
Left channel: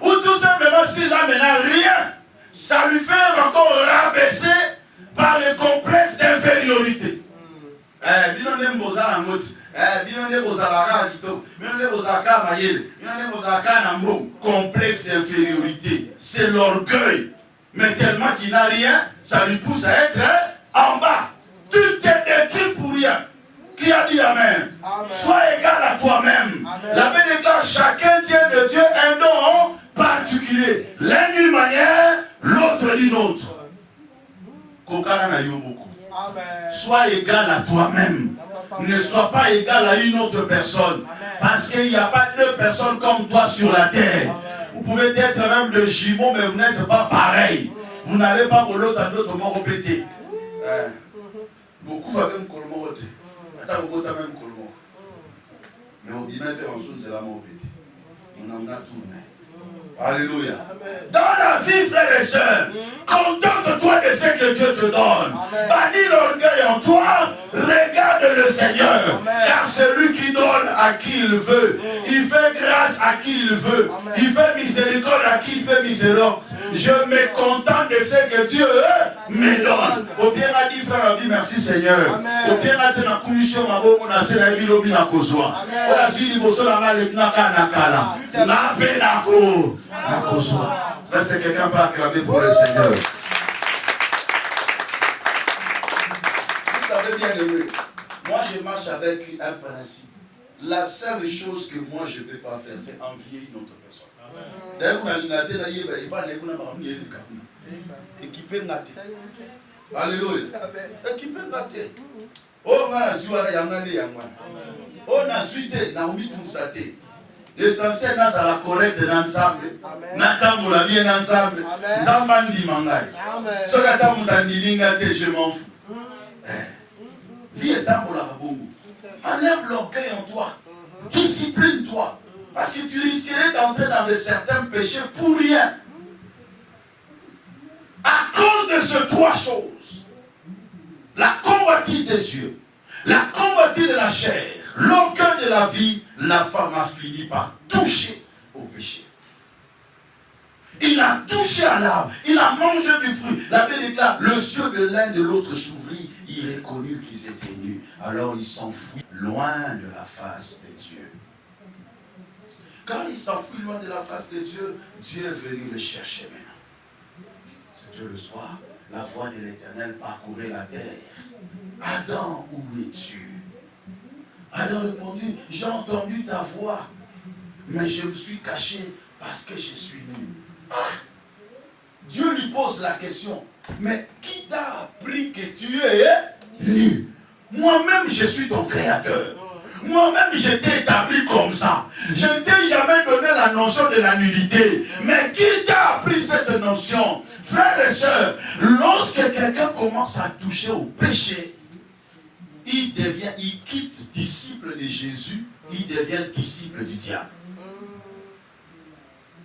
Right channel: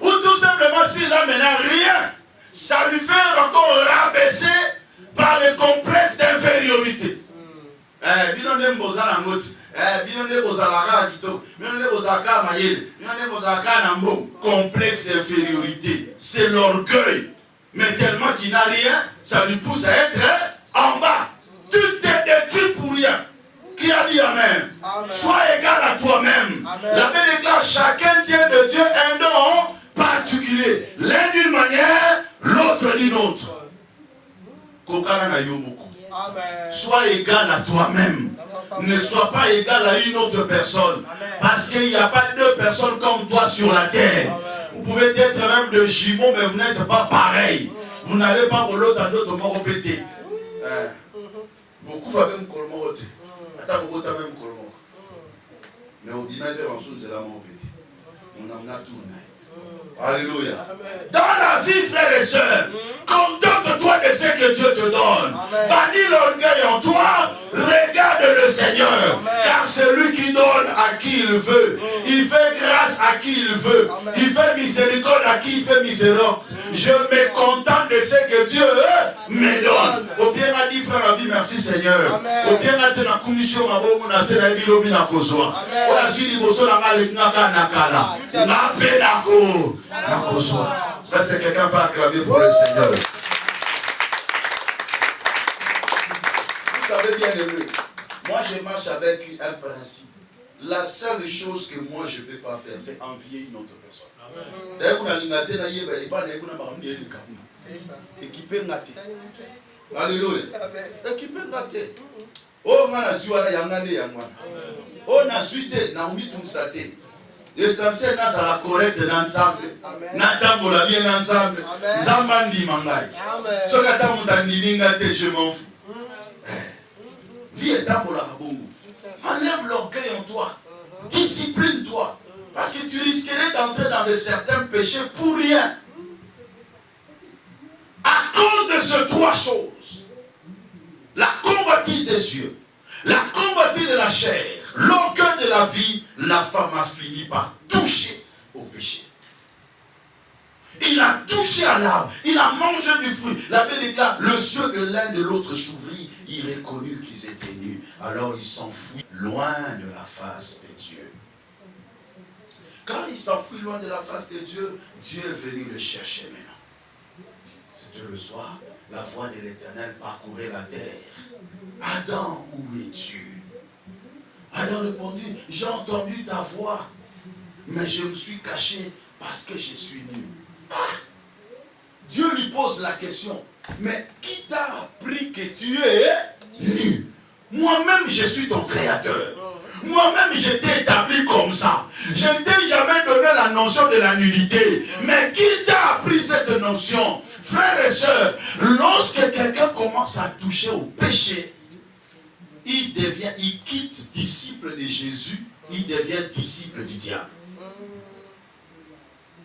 Ou tout simplement s'il n'a maintenant rien, ça lui fait encore rabaisser par le complexe d'infériorité. Complexe d'infériorité, c'est l'orgueil. Mais tellement qu'il n'a rien, ça lui pousse à être en bas. Tu t'es détruit pour rien. Qui a dit Amen? Amen. Sois égal à toi-même. La Bible déclare chacun tient de Dieu un don particulier. L'un d'une manière, l'autre d'une autre. Sois égal à toi-même. Ne sois pas égal à une autre personne. Parce qu'il n'y a pas deux personnes comme toi sur la terre. Vous pouvez être même de jumeaux, mais vous n'êtes pas pareil. Vous n'allez pas pour l'autre à d'autres morts pété. Beaucoup va même colmoter. Attends, vous avez même colmoter. Mais au bimètre, on s'ouvre, c'est là mon petit. On en a tourné. Alléluia. Dans la vie, frères et sœurs, contente-toi de ce que Dieu te donne. Bannis l'orgueil en toi, regarde le Seigneur. Amen. Car c'est lui qui donne à qui il veut. Il fait grâce à qui il veut. Amen. Il fait miséricorde à qui il fait miséricorde. Je me contente de ce que Dieu me donne. Au bien m'a dit, frère, a dit merci Seigneur. Au bien m'a dit, la commission m'a dit, on a fait la vie, on a besoin. On a suivi, on a fait la vie, est-ce que quelqu'un peut acclamer pour le Seigneur? Vous savez bien aimé, moi je marche avec un principe. La seule chose que moi je ne peux pas faire, c'est envier une autre personne. D'ailleurs, on a l'ingate, équipé ngate. Alléluia. Équipé ngate. Oh, on a suivi yangane yangwana. On a suivi Naomi Tunsate. L'essentiel dans la correcte dans Nzambe. Natambola bien dans Nzambe. Nzambandi mangai. Ce que t'as ngate, je m'en fous. Vie et tambola bongo. Enlève l'orgueil en toi. Discipline-toi. Parce que tu risquerais d'entrer dans de certains péchés pour rien. À cause de ces trois choses. La convoitise des yeux. La convoitise de la chair. L'orgueil de la vie. La femme a fini par toucher au péché. Il a touché à l'arbre. Il a mangé du fruit. La Bible déclare, le yeux de l'un de l'autre s'ouvrit. Il reconnut qu'ils étaient nus. Alors il s'enfuit loin de la face de Dieu. Quand il s'enfuit loin de la face de Dieu, Dieu est venu le chercher maintenant. C'était le soir, la voix de l'Éternel parcourait la terre. Adam, où es-tu? Adam répondit, j'ai entendu ta voix, mais je me suis caché parce que je suis nu. Dieu lui pose la question, mais qui t'a appris que tu es nu? Moi-même, je suis ton créateur. Moi-même, je t'ai établi comme ça. Je ne t'ai jamais donné la notion de la nudité. Mais qui t'a appris cette notion? Frères et sœurs, lorsque quelqu'un commence à toucher au péché, il quitte disciple de Jésus, il devient disciple du diable.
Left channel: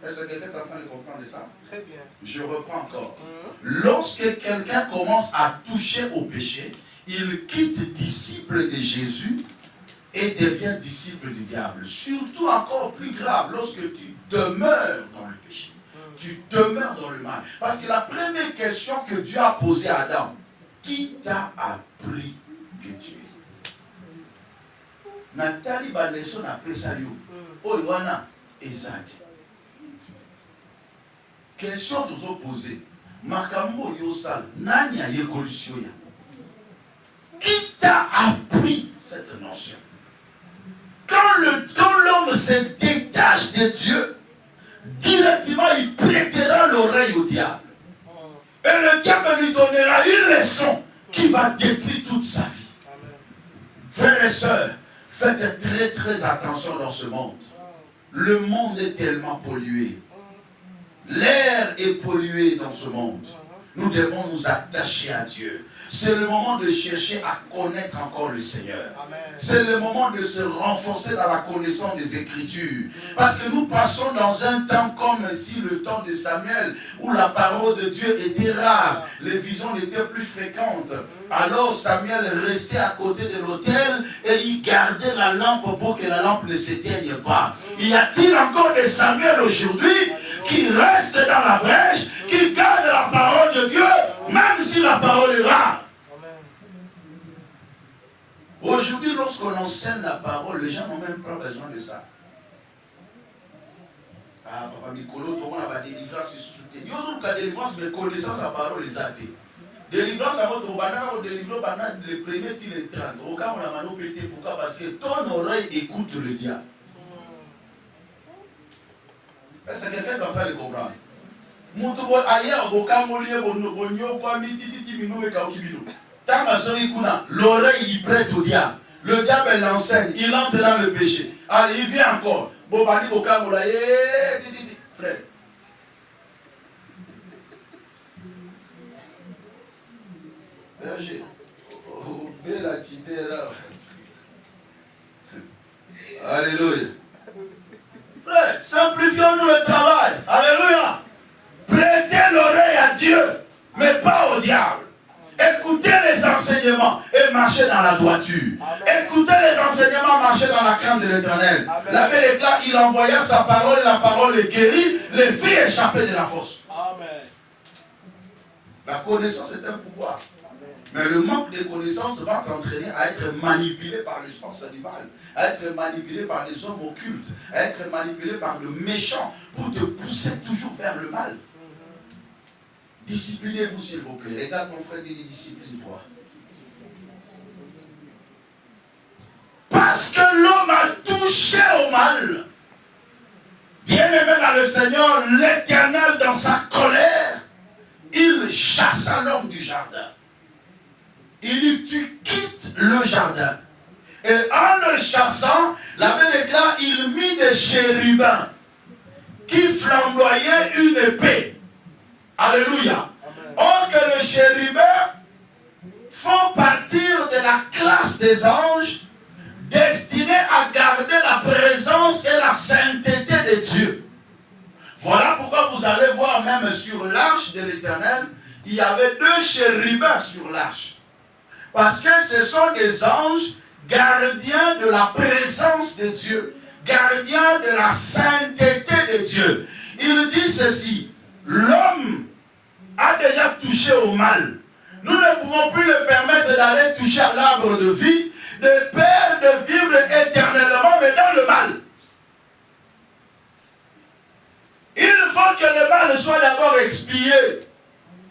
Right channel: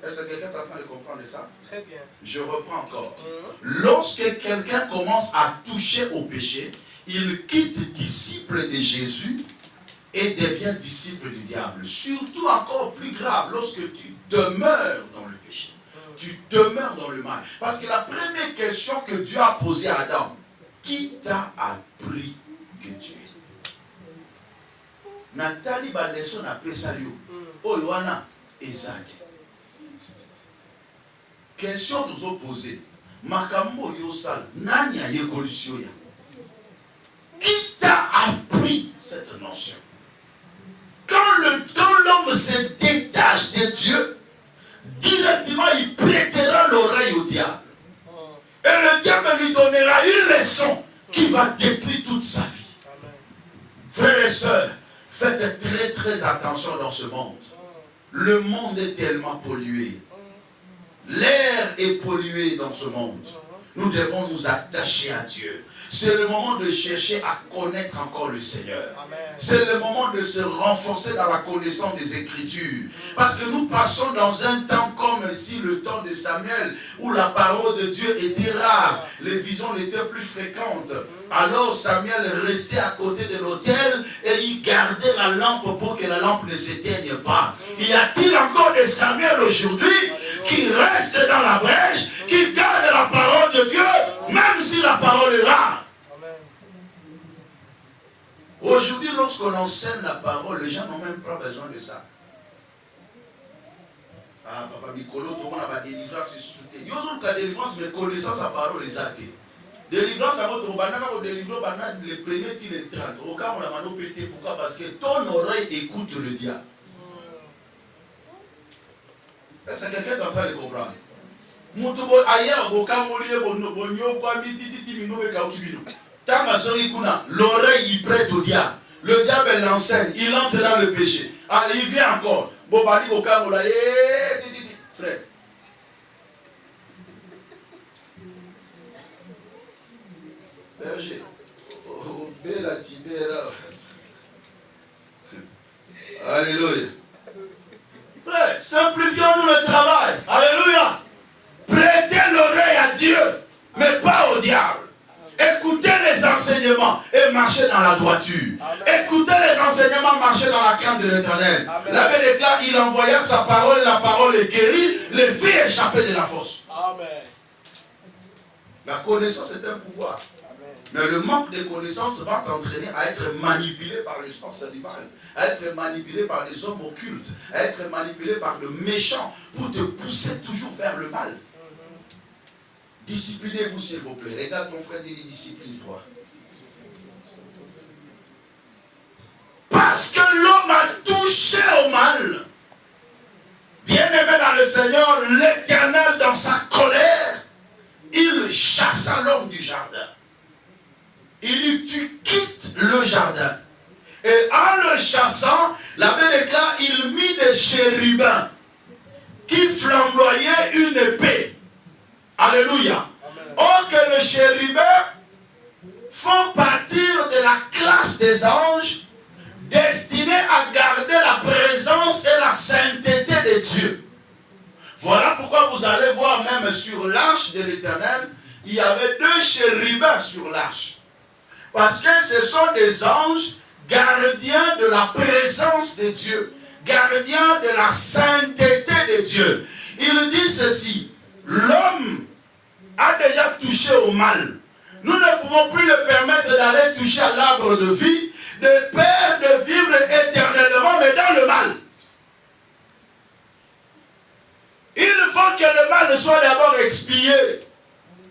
Est-ce que quelqu'un est en train de comprendre ça? Très bien. Je reprends encore. Lorsque quelqu'un commence à toucher au péché, il quitte disciple de Jésus et devient disciple du diable. Surtout encore plus grave, lorsque tu demeures dans le péché. Tu demeures dans le mal. Parce que la première question que Dieu a posée à Adam, qui t'a appris que tu es? Nathalie Baleson a appelé ça yo. Oh, Yohana, Ezadi. Question tous opposés. Makambo Yosal, Nanya Yekolisyoya. Qui t'a appris cette notion? Quand l'homme se détache de Dieu, directement il prêtera l'oreille au diable. Et le diable lui donnera une leçon qui va détruire toute sa vie. Amen. Frères et sœurs, faites très très attention dans ce monde. Le monde est tellement pollué. L'air est pollué dans ce monde. Nous devons nous attacher à Dieu. C'est le moment de chercher à connaître encore le Seigneur. C'est le moment de se renforcer dans la connaissance des Écritures. Parce que nous passons dans un temps comme ici, le temps de Samuel, où la parole de Dieu était rare. Les visions n'étaient plus fréquentes. Alors Samuel restait à côté de l'autel et il gardait la lampe pour que la lampe ne s'éteigne pas. Y a-t-il encore des Samuel aujourd'hui qui restent dans la brèche, qui gardent la parole de Dieu, même si la parole est rare? Aujourd'hui, lorsqu'on enseigne la parole, les gens n'ont même pas besoin de ça. Ah, papa Mikolo, tout le monde a des délivrances sous-souté. Il y a des délivrances, mais connaissance la parole les athées. Délivrance à votre banana, on délivre les premiers tirs de trac. Au cas où on a mal pété, pourquoi? Parce que ton oreille écoute le diable. Est-ce que quelqu'un est en train de comprendre? L'oreille il prête au diable. Le diable l'enseigne, il entre dans le péché. Allez, il vient encore. Frère. Alléluia. mais pas au diable. Écoutez les enseignements et marchez dans la droiture. Amen. Écoutez les enseignements, marchez dans la crainte de l'Éternel. La Bible déclare, il envoya sa parole, la parole est guérie, les filles échappaient de la fosse. Amen. La connaissance est un pouvoir. Amen. Mais le manque de connaissance va t'entraîner à être manipulé par les forces du mal, à être manipulé par les hommes occultes, à être manipulé par le méchant pour te pousser toujours vers le mal. Disciplinez-vous s'il vous plaît. Regarde ton frère, dit discipline-toi. Parce que l'homme a touché au mal. Bien-aimé dans le Seigneur, l'Éternel dans sa colère, il chassa l'homme du jardin. Il dit, tu quittes le jardin. Et en le chassant, la Bible déclare, il mit des chérubins qui flamboyaient une épée. Alléluia. Or que les chérubins font partir de la classe des anges destinés à garder la présence et la sainteté de Dieu. Voilà pourquoi vous allez voir même sur l'arche de l'Éternel, il y avait 2 chérubins sur l'arche. Parce que ce sont des anges gardiens de la présence de Dieu, gardiens de la sainteté de Dieu. Il dit ceci, l'homme a déjà touché au mal. Nous ne pouvons plus le permettre d'aller toucher à l'arbre de vie, de peur de vivre éternellement, mais dans le mal. Il faut que le mal soit d'abord expié.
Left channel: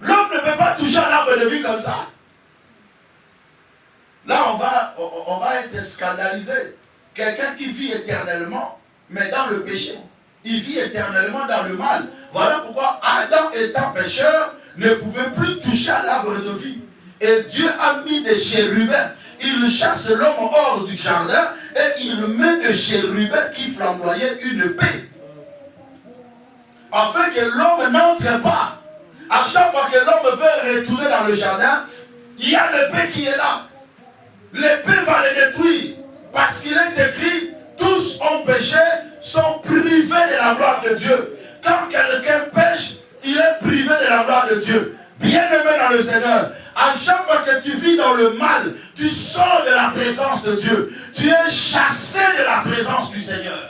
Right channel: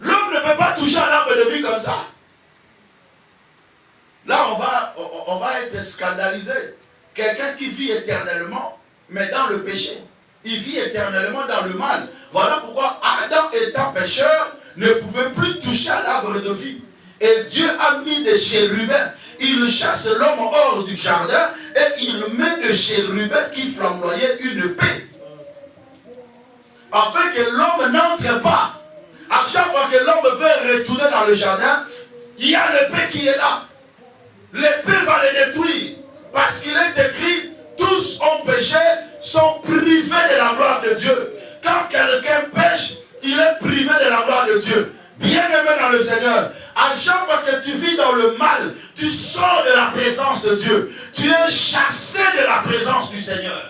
L'homme ne peut pas toucher à l'arbre de vie comme ça. Là, on va être scandalisé. Quelqu'un qui vit éternellement, mais dans le péché. Il vit éternellement dans le mal. Voilà pourquoi Adam étant pécheur, ne pouvait plus toucher à l'arbre de vie. Et Dieu a mis des chérubins. Il chasse l'homme hors du jardin et il met des chérubins qui flamboyaient une épée. Afin que l'homme n'entre pas. À chaque fois que l'homme veut retourner dans le jardin, il y a l'épée qui est là. L'épée va le détruire. Parce qu'il est écrit, tous ont péché, sont privés de la gloire de Dieu. Quand quelqu'un pêche, il est privé de la gloire de Dieu. Bien-aimé dans le Seigneur, à chaque fois que tu vis dans le mal, tu sors de la présence de Dieu. Tu es chassé de la présence du Seigneur.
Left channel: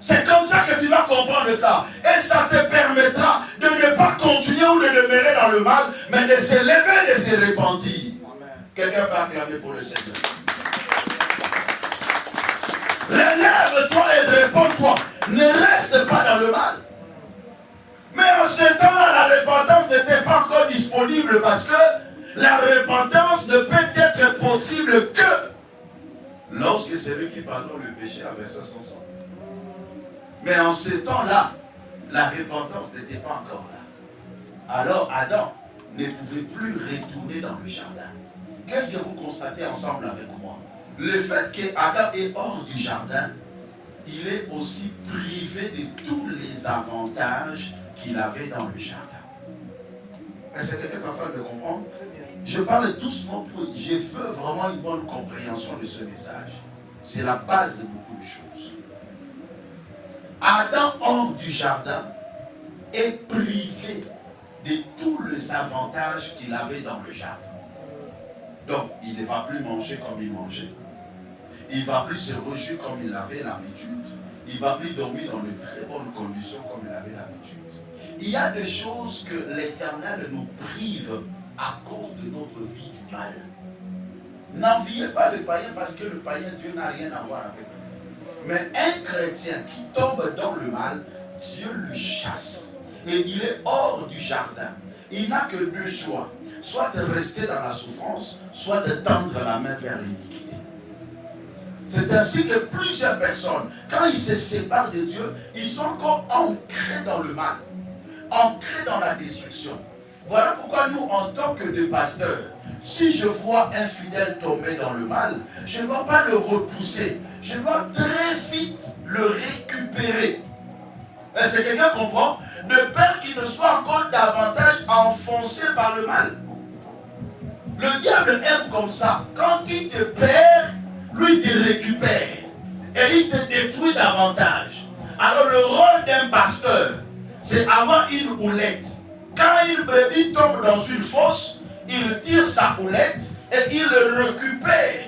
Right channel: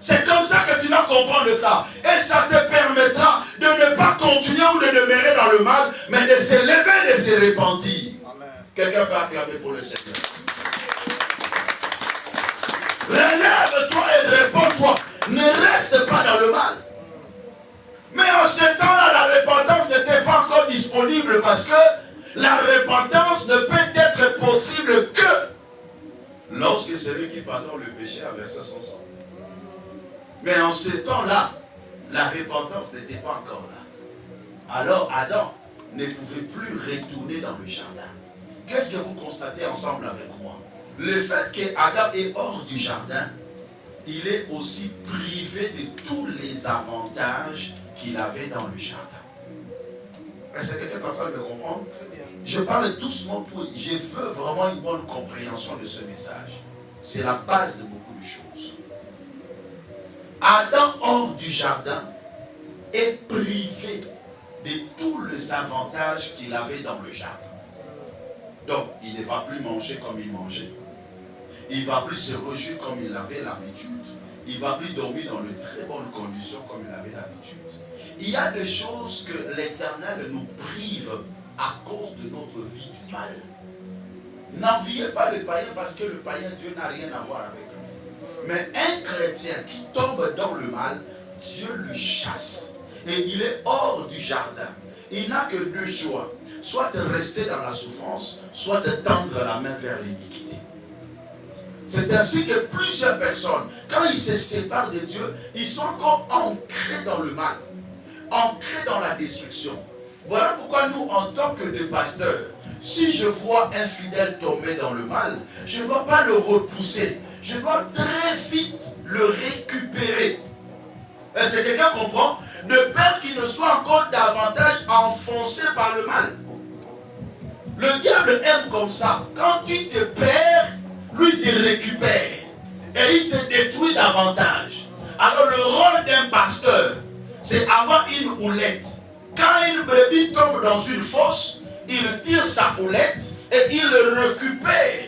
C'est comme ça que tu dois comprendre ça. Et ça te permettra de ne pas continuer ou de demeurer dans le mal, mais de se lever et de se repentir. Quelqu'un peut acclamer pour le Seigneur. Relève-toi et réponds-toi. Ne reste pas dans le mal. Mais en ce temps-là, la repentance n'était pas encore disponible parce que la repentance ne peut être possible que lorsque celui qui pardonne le péché a versé son sang. Mais en ce temps-là, la repentance n'était pas encore là. Alors Adam ne pouvait plus retourner dans le jardin. Qu'est-ce que vous constatez ensemble avec moi? Le fait qu'Adam est hors du jardin, il est aussi privé de tous les avantages qu'il avait dans le jardin. Est-ce que quelqu'un est en train de comprendre? Je parle doucement pour... Je veux vraiment une bonne compréhension de ce message. C'est la base de beaucoup de choses. Adam hors du jardin est privé de tous les avantages qu'il avait dans le jardin. Donc, il ne va plus manger comme il mangeait. Il ne va plus se réjouir comme il avait l'habitude. Il ne va plus dormir dans de très bonnes conditions comme il avait l'habitude. Il y a des choses que l'Éternel nous prive à cause de notre vie du mal. N'enviez pas le païen parce que le païen, Dieu n'a rien à voir avec lui. Mais un chrétien qui tombe dans le mal, Dieu le chasse. Et il est hors du jardin. Il n'a que 2 choix. Soit rester dans la souffrance, soit tendre la main vers l'iniquité. C'est ainsi que plusieurs personnes, quand ils se séparent de Dieu, ils sont encore ancrés dans le mal, ancrés dans la destruction. Voilà pourquoi nous, en tant que des pasteurs, si je vois un fidèle tomber dans le mal, je ne dois pas le repousser. Je dois très vite le récupérer. Est-ce que quelqu'un comprend? De peur qu'il ne soit encore davantage enfoncé par le mal. Le diable aime comme ça. Quand tu te perds, lui te récupère. Et il te détruit davantage. Alors le rôle d'un pasteur, c'est avoir une houlette. Quand une brebis tombe dans une fosse, il tire sa houlette et il le récupère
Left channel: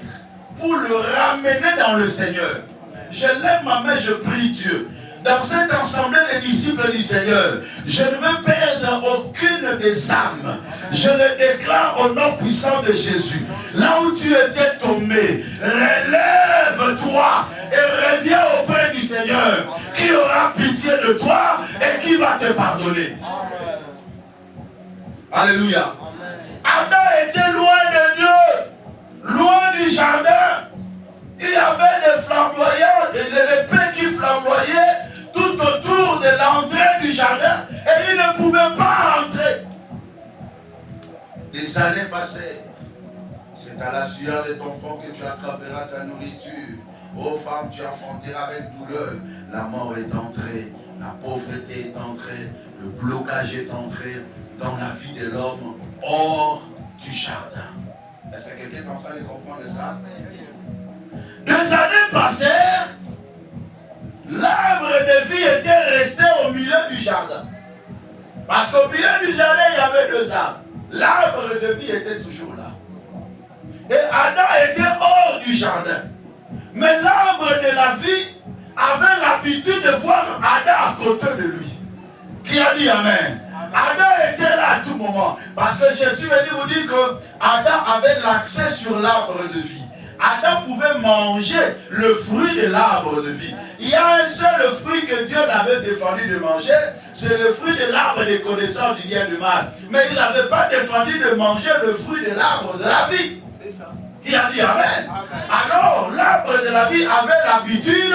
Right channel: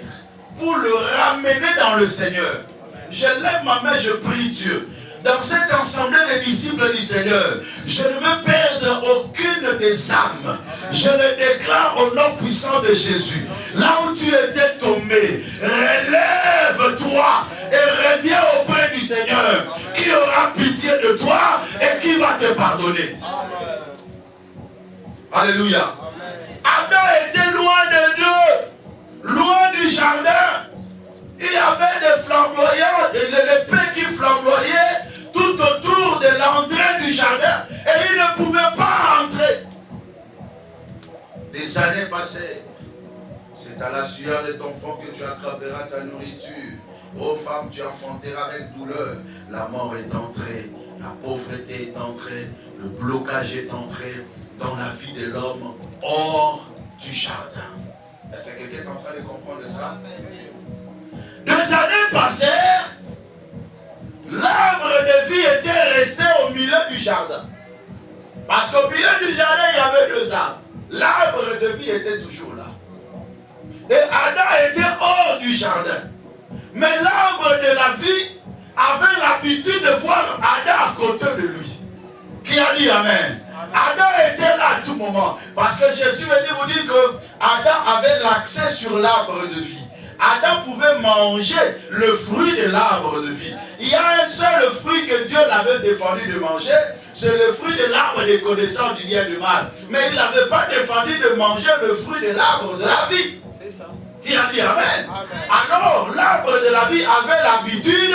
pour le ramener dans le Seigneur. Je lève ma main, je prie Dieu. Dans cette assemblée des disciples du Seigneur, je ne veux perdre aucune des âmes. Je le déclare au nom puissant de Jésus. Là où tu étais tombé, relève-toi et reviens auprès du Seigneur, qui aura pitié de toi et qui va te pardonner. Alléluia. Adam était loin de Dieu, loin du jardin. Il y avait des flamboyants, des épées qui flamboyaient tout autour de l'entrée du jardin et il ne pouvait pas entrer. Des années passées, c'est à la sueur de ton front que tu attraperas ta nourriture. Ô femme, tu enfanteras avec douleur. La mort est entrée, la pauvreté est entrée, le blocage est entré dans la vie de l'homme hors du jardin. Est-ce que quelqu'un est en train de comprendre ça? Des années passèrent, l'arbre de vie était resté au milieu du jardin. Parce qu'au milieu du jardin, il y avait deux arbres. L'arbre de vie était toujours là. Et Adam était hors du jardin. Mais l'arbre de la vie avait l'habitude de voir Adam à côté de lui. Qui a dit Amen? Adam était là à tout moment. Parce que Jésus veut vous dire que Adam avait l'accès sur l'arbre de vie. Adam pouvait manger le fruit de l'arbre de vie. Il y a un seul fruit que Dieu l'avait défendu de manger, c'est le fruit de l'arbre des connaissances du bien et du mal. Mais il n'avait pas défendu de manger le fruit de l'arbre de la vie. C'est ça. Qui a dit Amen? Amen. Alors, l'arbre de la vie avait l'habitude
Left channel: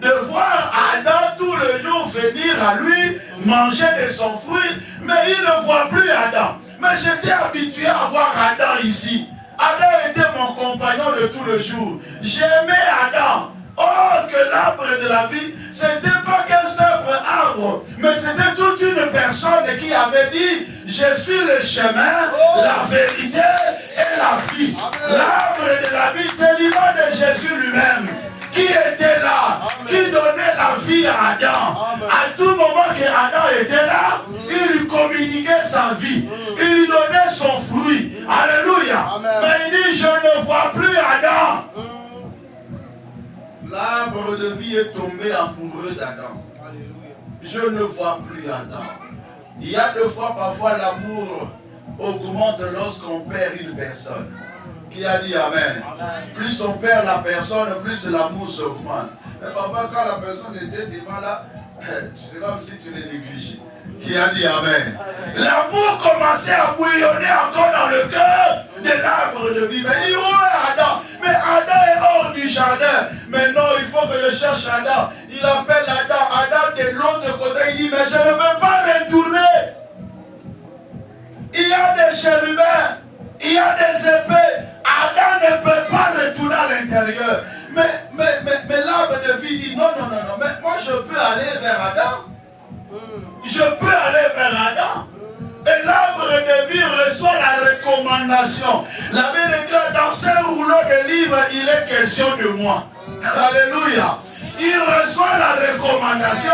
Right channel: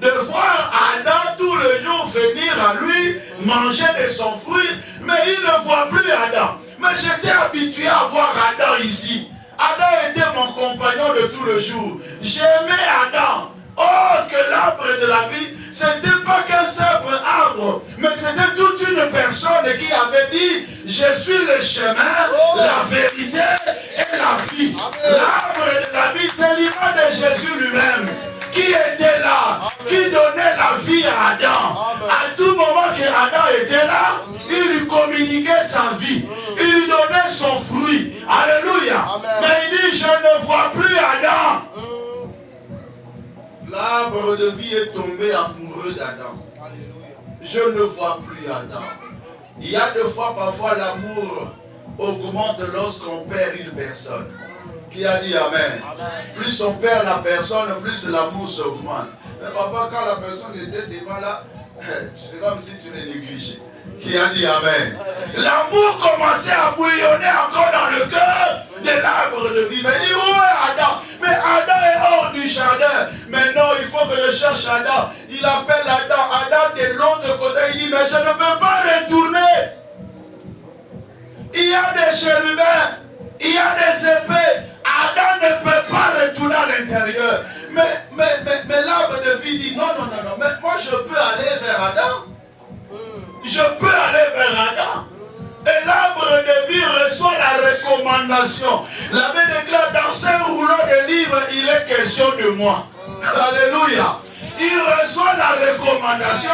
de voir Adam tous les jours venir à lui, manger de son fruit, mais il ne voit plus Adam. Mais j'étais habitué à voir Adam ici. Adam était mon compagnon de tous les jours. J'aimais Adam. Oh, que l'arbre de la vie, ce n'était pas qu'un simple arbre, mais c'était toute une personne qui avait dit, je suis le chemin, la vérité et la vie. L'arbre de la vie, c'est l'image de Jésus lui-même, qui était là, qui donnait la vie à Adam. À tout moment que Adam était là, il lui communiquait sa vie, il lui donnait son fruit. Alléluia. Mais il dit, je ne vois plus Adam. L'arbre de vie est tombé amoureux d'Adam. Je ne vois plus Adam. Il y a deux fois, parfois, l'amour augmente lorsqu'on perd une personne. Qui a dit Amen? Plus on perd la personne, plus l'amour s'augmente. Mais papa, quand la personne était devant là, c'est comme si tu l'as négligé. Qui a dit Amen? L'amour commençait à bouillonner encore dans le cœur de l'arbre de vie. Mais il dit, où est Adam? Mais Adam est hors du jardin. Mais non, il faut que je cherche Adam. Il appelle Adam. Adam de l'autre côté, il dit, mais je ne peux pas retourner. Il y a des chérubins, il y a des épées. Adam ne peut pas retourner à l'intérieur. Mais l'arbre de vie dit, non, mais moi je peux aller vers Adam. Je peux aller vers Adam. Et l'arbre de vie reçoit la recommandation. La Bible déclare, dans ce rouleau de livres, il est question de moi. Alléluia. Il reçoit la recommandation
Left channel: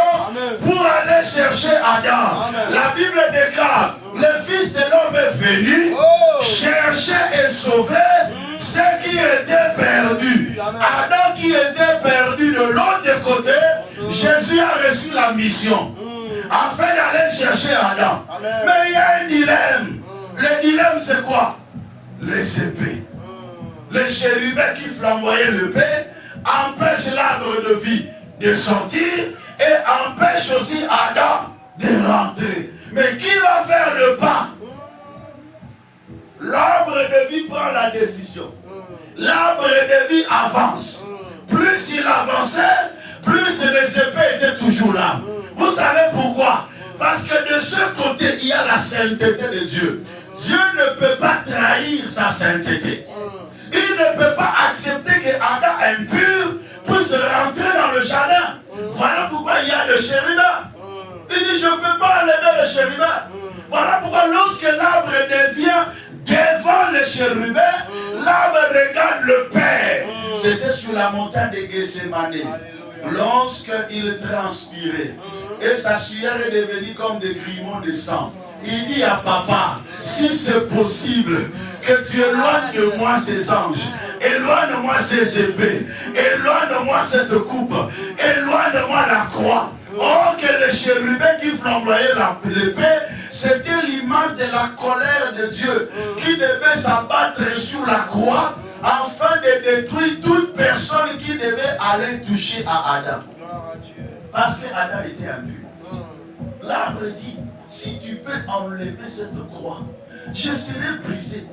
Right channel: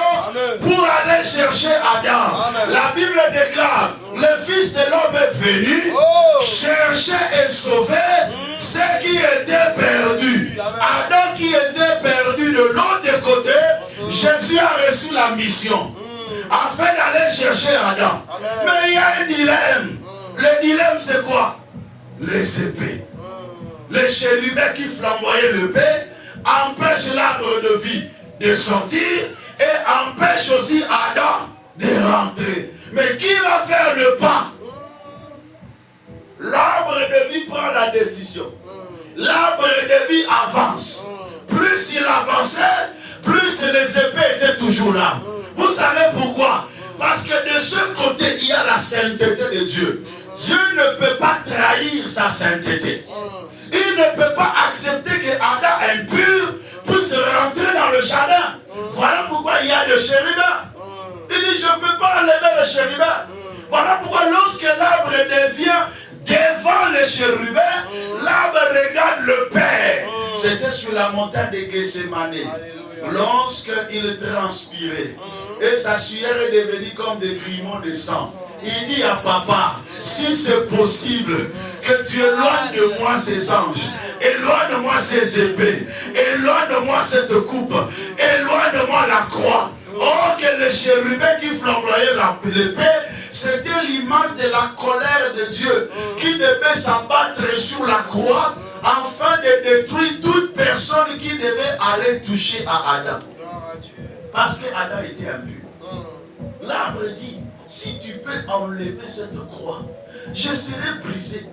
pour aller chercher Adam. La Bible déclare, le Fils de l'homme est venu chercher et sauver ceux qui étaient perdus. Adam qui était perdu de l'autre côté, Jésus a reçu la mission afin d'aller chercher Adam. Mais il y a un dilemme. Le dilemme c'est quoi? Les épées. Les chérubins qui flamboyaient l'épée empêchent l'arbre de vie de sortir et empêchent aussi Adam de rentrer. Mais qui va faire le pas? L'arbre de vie prend la décision. L'arbre de vie avance. Plus il avançait, plus les épées étaient toujours là. Vous savez pourquoi? Parce que de ce côté, il y a la sainteté de Dieu. Dieu ne peut pas trahir sa sainteté. Il ne peut pas accepter que Adam impur puisse rentrer dans le jardin. Voilà pourquoi il y a le chérubin. Il dit, je ne peux pas enlever le chérubin. Voilà pourquoi lorsque l'arbre devient devant le chérubin, l'arbre regarde le Père. C'était sur la montagne de Gethsémane. Lorsqu'il transpirait, et sa sueur est devenue comme des grimons de sang. Il dit à papa, si c'est possible, que tu éloignes de moi ces anges, éloigne-moi ces épées, éloigne-moi cette coupe, éloigne-moi la croix. Oh, que le chérubin qui flamboyait l'épée, c'était l'image de la colère de Dieu qui devait s'abattre sur la croix afin de détruire toute personne qui devait aller toucher à Adam. Parce que Adam était impur. L'arbre dit, si tu peux enlever cette croix, je serai brisé,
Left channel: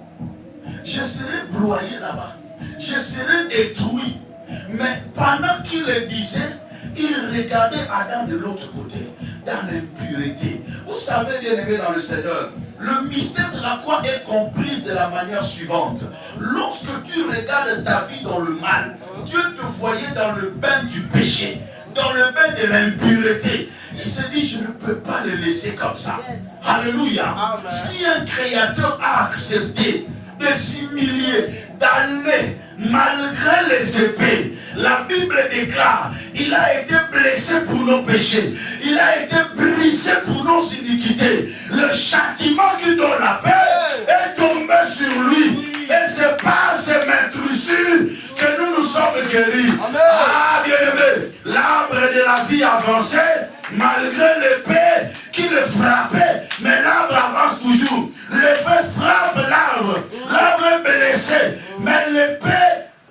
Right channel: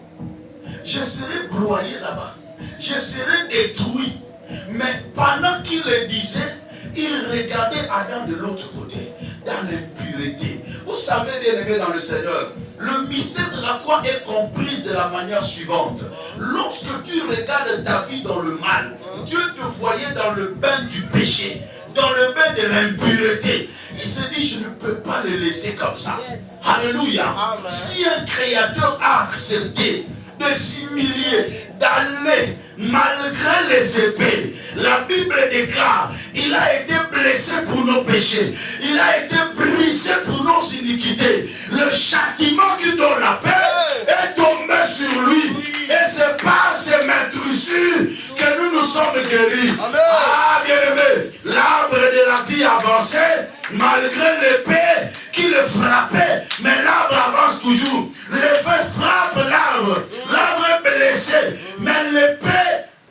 je serai broyé là-bas, je serai détruit. Mais pendant qu'il le disait, il regardait Adam de l'autre côté, dans l'impureté. Vous savez, bien aimé dans le Seigneur, le mystère de la croix est compris de la manière suivante. Lorsque tu regardes ta vie dans le mal, Dieu te voyait dans le bain du péché, dans le bain de l'impureté. Il se dit, je ne peux pas le laisser comme ça. Alléluia. Amen. Si un créateur a accepté de s'humilier, d'aller malgré les épées, la Bible déclare, il a été blessé pour nos péchés, il a été brisé pour nos iniquités. Le châtiment qui donne la paix est tombé sur lui. Et c'est par ces maîtrisures que nous nous sommes guéris. Amen. Ah, bien-aimé, l'arbre de la vie avançait malgré l'épée qui le frappait, mais l'arbre avance toujours. L'épée frappe l'arbre, l'arbre est blessé, mais l'épée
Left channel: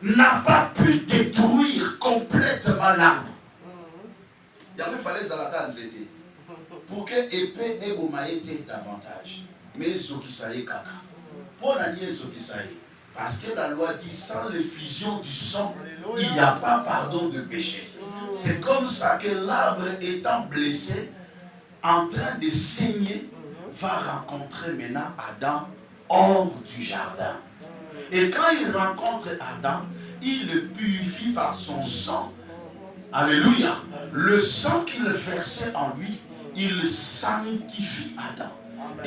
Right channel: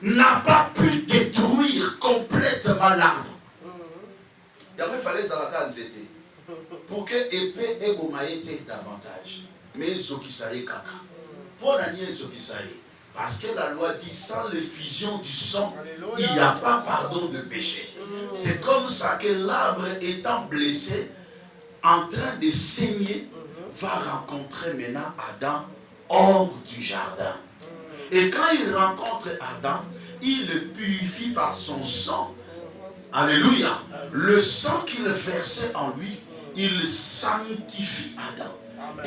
n'a pas pu détruire complètement l'arbre. Il fallait que c'était pour que l'épée ait gomaïté davantage. Mais Zokisaï Kaka. Pour l'année Zokisaï. Parce que la loi dit, sans l'effusion du sang, il n'y a pas pardon de péché. C'est comme ça que l'arbre étant blessé, en train de saigner, va rencontrer maintenant Adam hors du jardin. Et quand il rencontre Adam, il le purifie par son sang. Alléluia. Le sang qu'il versait en lui, il sanctifie Adam.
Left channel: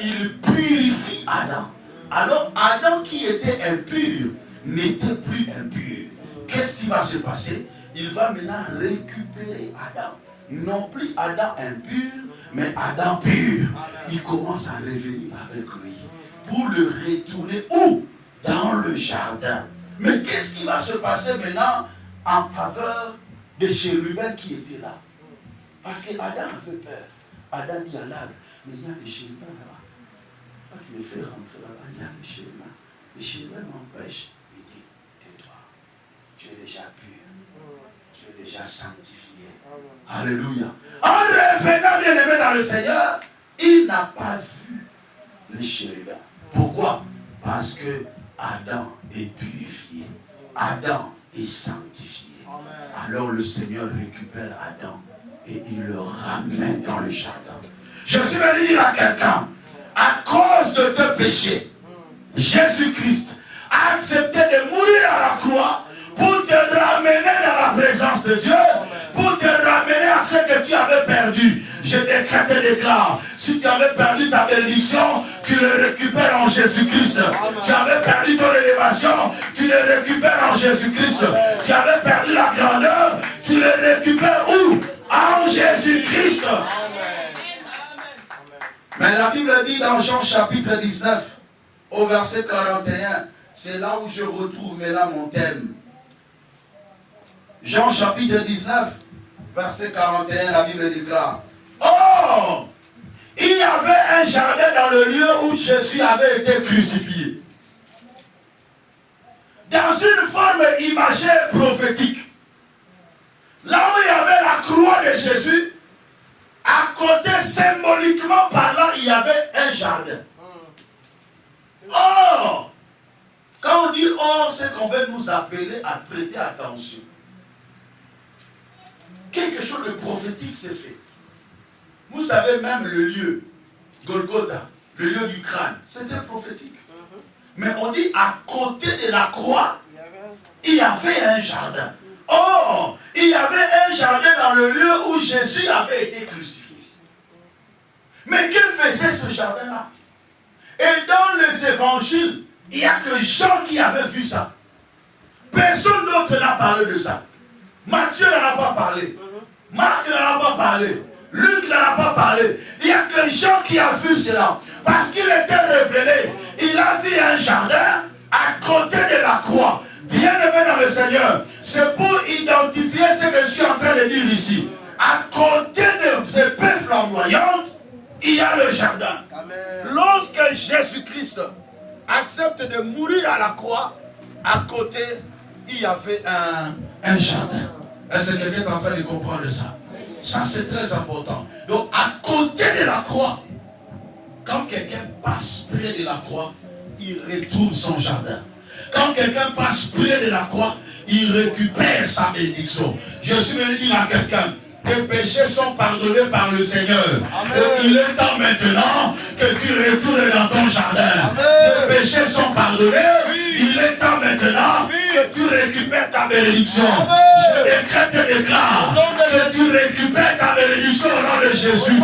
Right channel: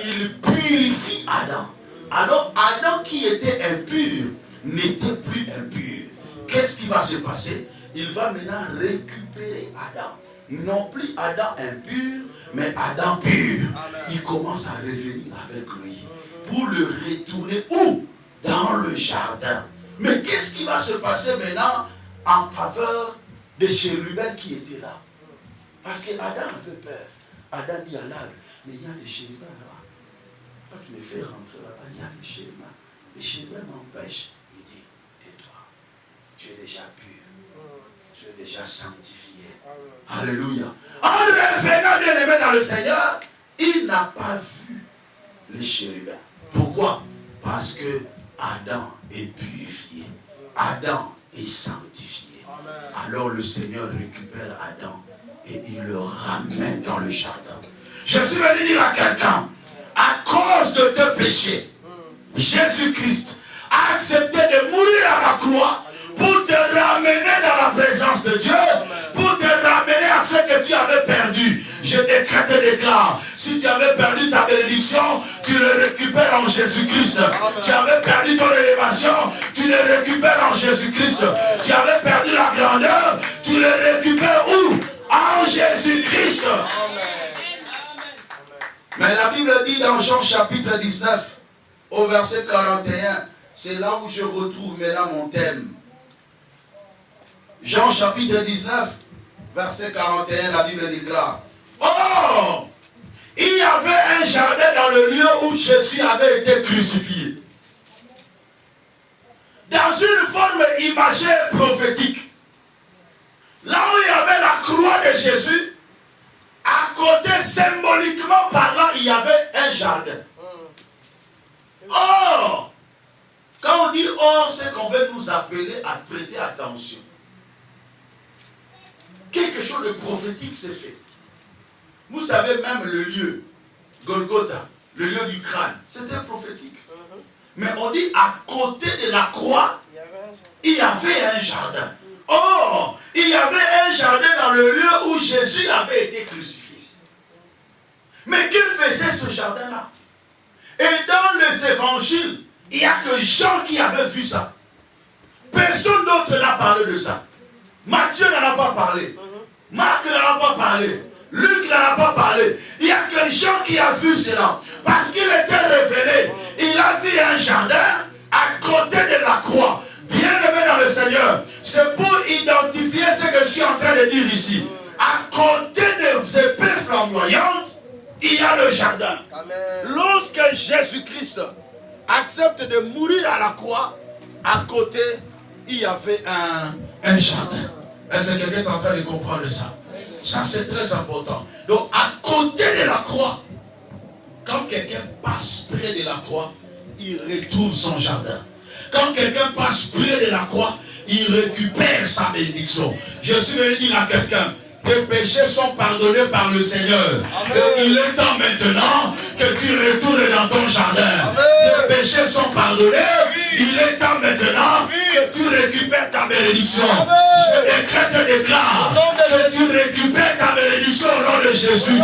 Il purifie Adam. Alors Adam qui était impur n'était plus impur. Qu'est-ce qui va se passer? Il va maintenant récupérer Adam. Non plus Adam impur, mais Adam pur. Il commence à revenir avec lui pour le retourner où? Dans le jardin. Mais qu'est-ce qui va se passer maintenant en faveur des chérubins qui étaient là? Parce que Adam avait peur. Adam dit à l'arbre, mais il y a des chérubins là-bas. Quand tu me fais rentrer là-bas, il y a les chérubins. Les chérubins m'empêchent. Il dit, tais-toi. Tu es déjà pur. Tu es déjà sanctifié. Alléluia. En revenant bien aimé dans le Seigneur, il n'a pas vu les chérubins. Pourquoi? Parce que Adam est purifié. Adam est sanctifié. Alors le Seigneur récupère Adam et il le ramène dans le jardin. Je suis venu dire à quelqu'un, à cause de tes péchés, Jésus-Christ a accepté de mourir à la croix pour te ramener dans la présence de Dieu, pour te ramener à ce que tu avais perdu. Je décrète et déclare, si tu avais perdu ta bénédiction, tu le récupères en Jésus-Christ. Tu avais perdu ton élévation, tu le récupères en Jésus-Christ. Tu avais perdu la grandeur, tu le récupères où? En Jésus-Christ. Mais la Bible dit dans Jean chapitre 19, au verset 41, c'est là où je retrouve maintenant mon thème. Jean chapitre 19, verset 41, la Bible déclare, oh, il y avait un jardin dans le lieu où Jésus avait été crucifié. Dans une forme imagée prophétique. Là où il y avait la croix de Jésus, à côté, symboliquement parlant, il y avait un jardin. Or, quand on dit or, c'est qu'on veut nous appeler à prêter attention. Quelque chose de prophétique s'est fait. Vous savez même le lieu, Golgotha, le lieu du crâne, c'était prophétique. Mais on dit à côté de la croix, il y avait un jardin. Or, il y avait un jardin dans le lieu où Jésus avait été crucifié. Mais que faisait ce jardin-là? Et dans les évangiles, il n'y a que Jean qui avait vu ça. Personne d'autre n'a parlé de ça. Matthieu n'en a pas parlé. Marc n'en a pas parlé. Luc n'en a pas parlé. Il n'y a que Jean qui a vu cela. Parce qu'il était révélé. Il a vu un jardin à côté de la croix. Bien aimé dans le Seigneur, c'est pour identifier ce que je suis en train de dire ici. À côté des épées flamboyantes, il y a le jardin. Amen. Lorsque Jésus-Christ accepte de mourir à la croix, à côté, il y avait un jardin. Est-ce que quelqu'un est en train de comprendre ça? Ça, c'est très important. Donc, à côté de la croix, quand quelqu'un passe près de la croix, il retrouve son jardin. Quand quelqu'un passe près de la croix, il récupère sa bénédiction. Je suis venu dire à quelqu'un, tes péchés sont pardonnés par le Seigneur. Amen. Il est temps maintenant que tu retournes dans ton jardin. Amen. Tes péchés sont pardonnés. Oui. Il est temps maintenant que tu récupères ta bénédiction. Amen. Je décrète et déclare que tu récupères ta bénédiction au nom de Jésus.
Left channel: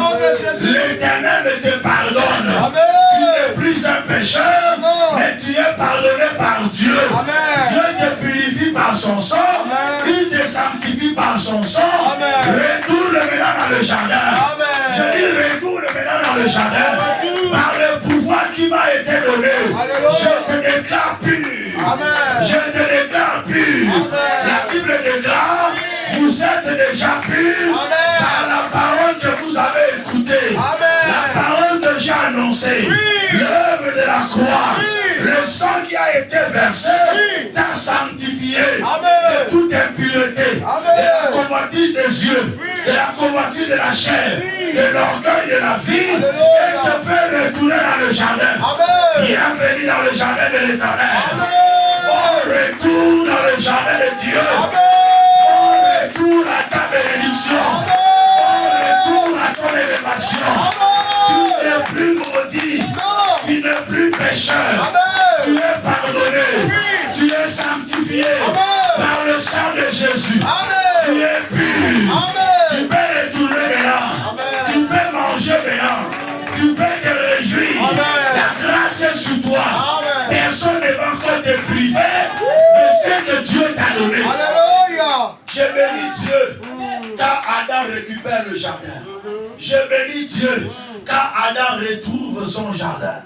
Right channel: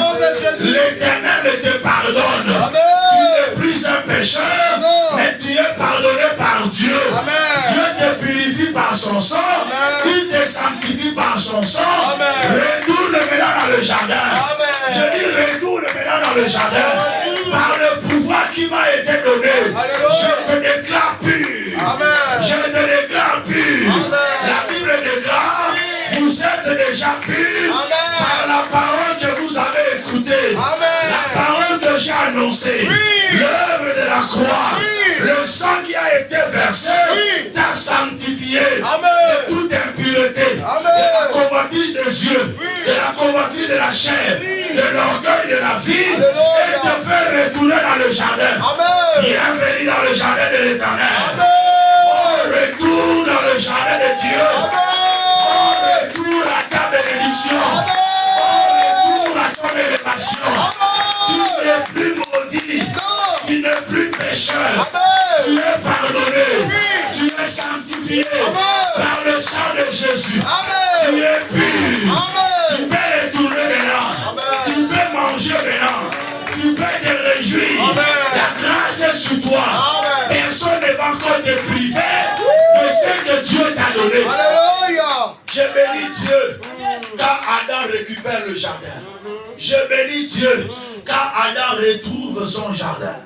L'Éternel te pardonne. Amen. Tu n'es plus un pécheur, mais tu es pardonné par Dieu. Amen. Dieu te purifie par son sang. Amen. Il te sanctifie par son sang. Amen. Retourne maintenant dans le jardin. Amen. Je dis retourne maintenant dans le jardin. Amen. Par le pouvoir qui m'a été donné. Alléluia. Je te déclare pur. Amen. Je te déclare pur. Amen. La Bible déclare, vous êtes déjà pur par la parole que vous avez écoutée. Amen. La parole que j'ai annoncée. Oui. L'œuvre de la croix. Oui. Le sang qui a été versé. Oui. T'a sanctifié. Amen. De toute impureté. Amen. De la convoitise des yeux. Oui. De la convoitise de la chair. Oui. De l'orgueil de la vie. Alléluia. Et te fait retourner dans le jardin. Amen. Bienvenue dans le jardin de l'Éternel. Oh, retourne dans le jardin de Dieu. Amen. Oh, retourne à ta bénédiction. Amen. Oh, retourne à ton élévation. Amen. Tu n'es plus maudit. Non. Tu n'es plus pécheur. Amen. Tu es pardonné. Oui. Tu es sanctifié. Amen. Par le sang de Jésus. Amen. Tu es pur. Amen. Tu peux retourner maintenant. Amen. Tu peux manger maintenant. Tu peux te réjouir. Amen. La grâce est sur toi. Amen. Personne ne va encore te priver de ce que Dieu t'a donné. Alléluia. Je bénis Dieu quand Adam récupère le jardin. Je bénis Dieu quand Adam retrouve son jardin.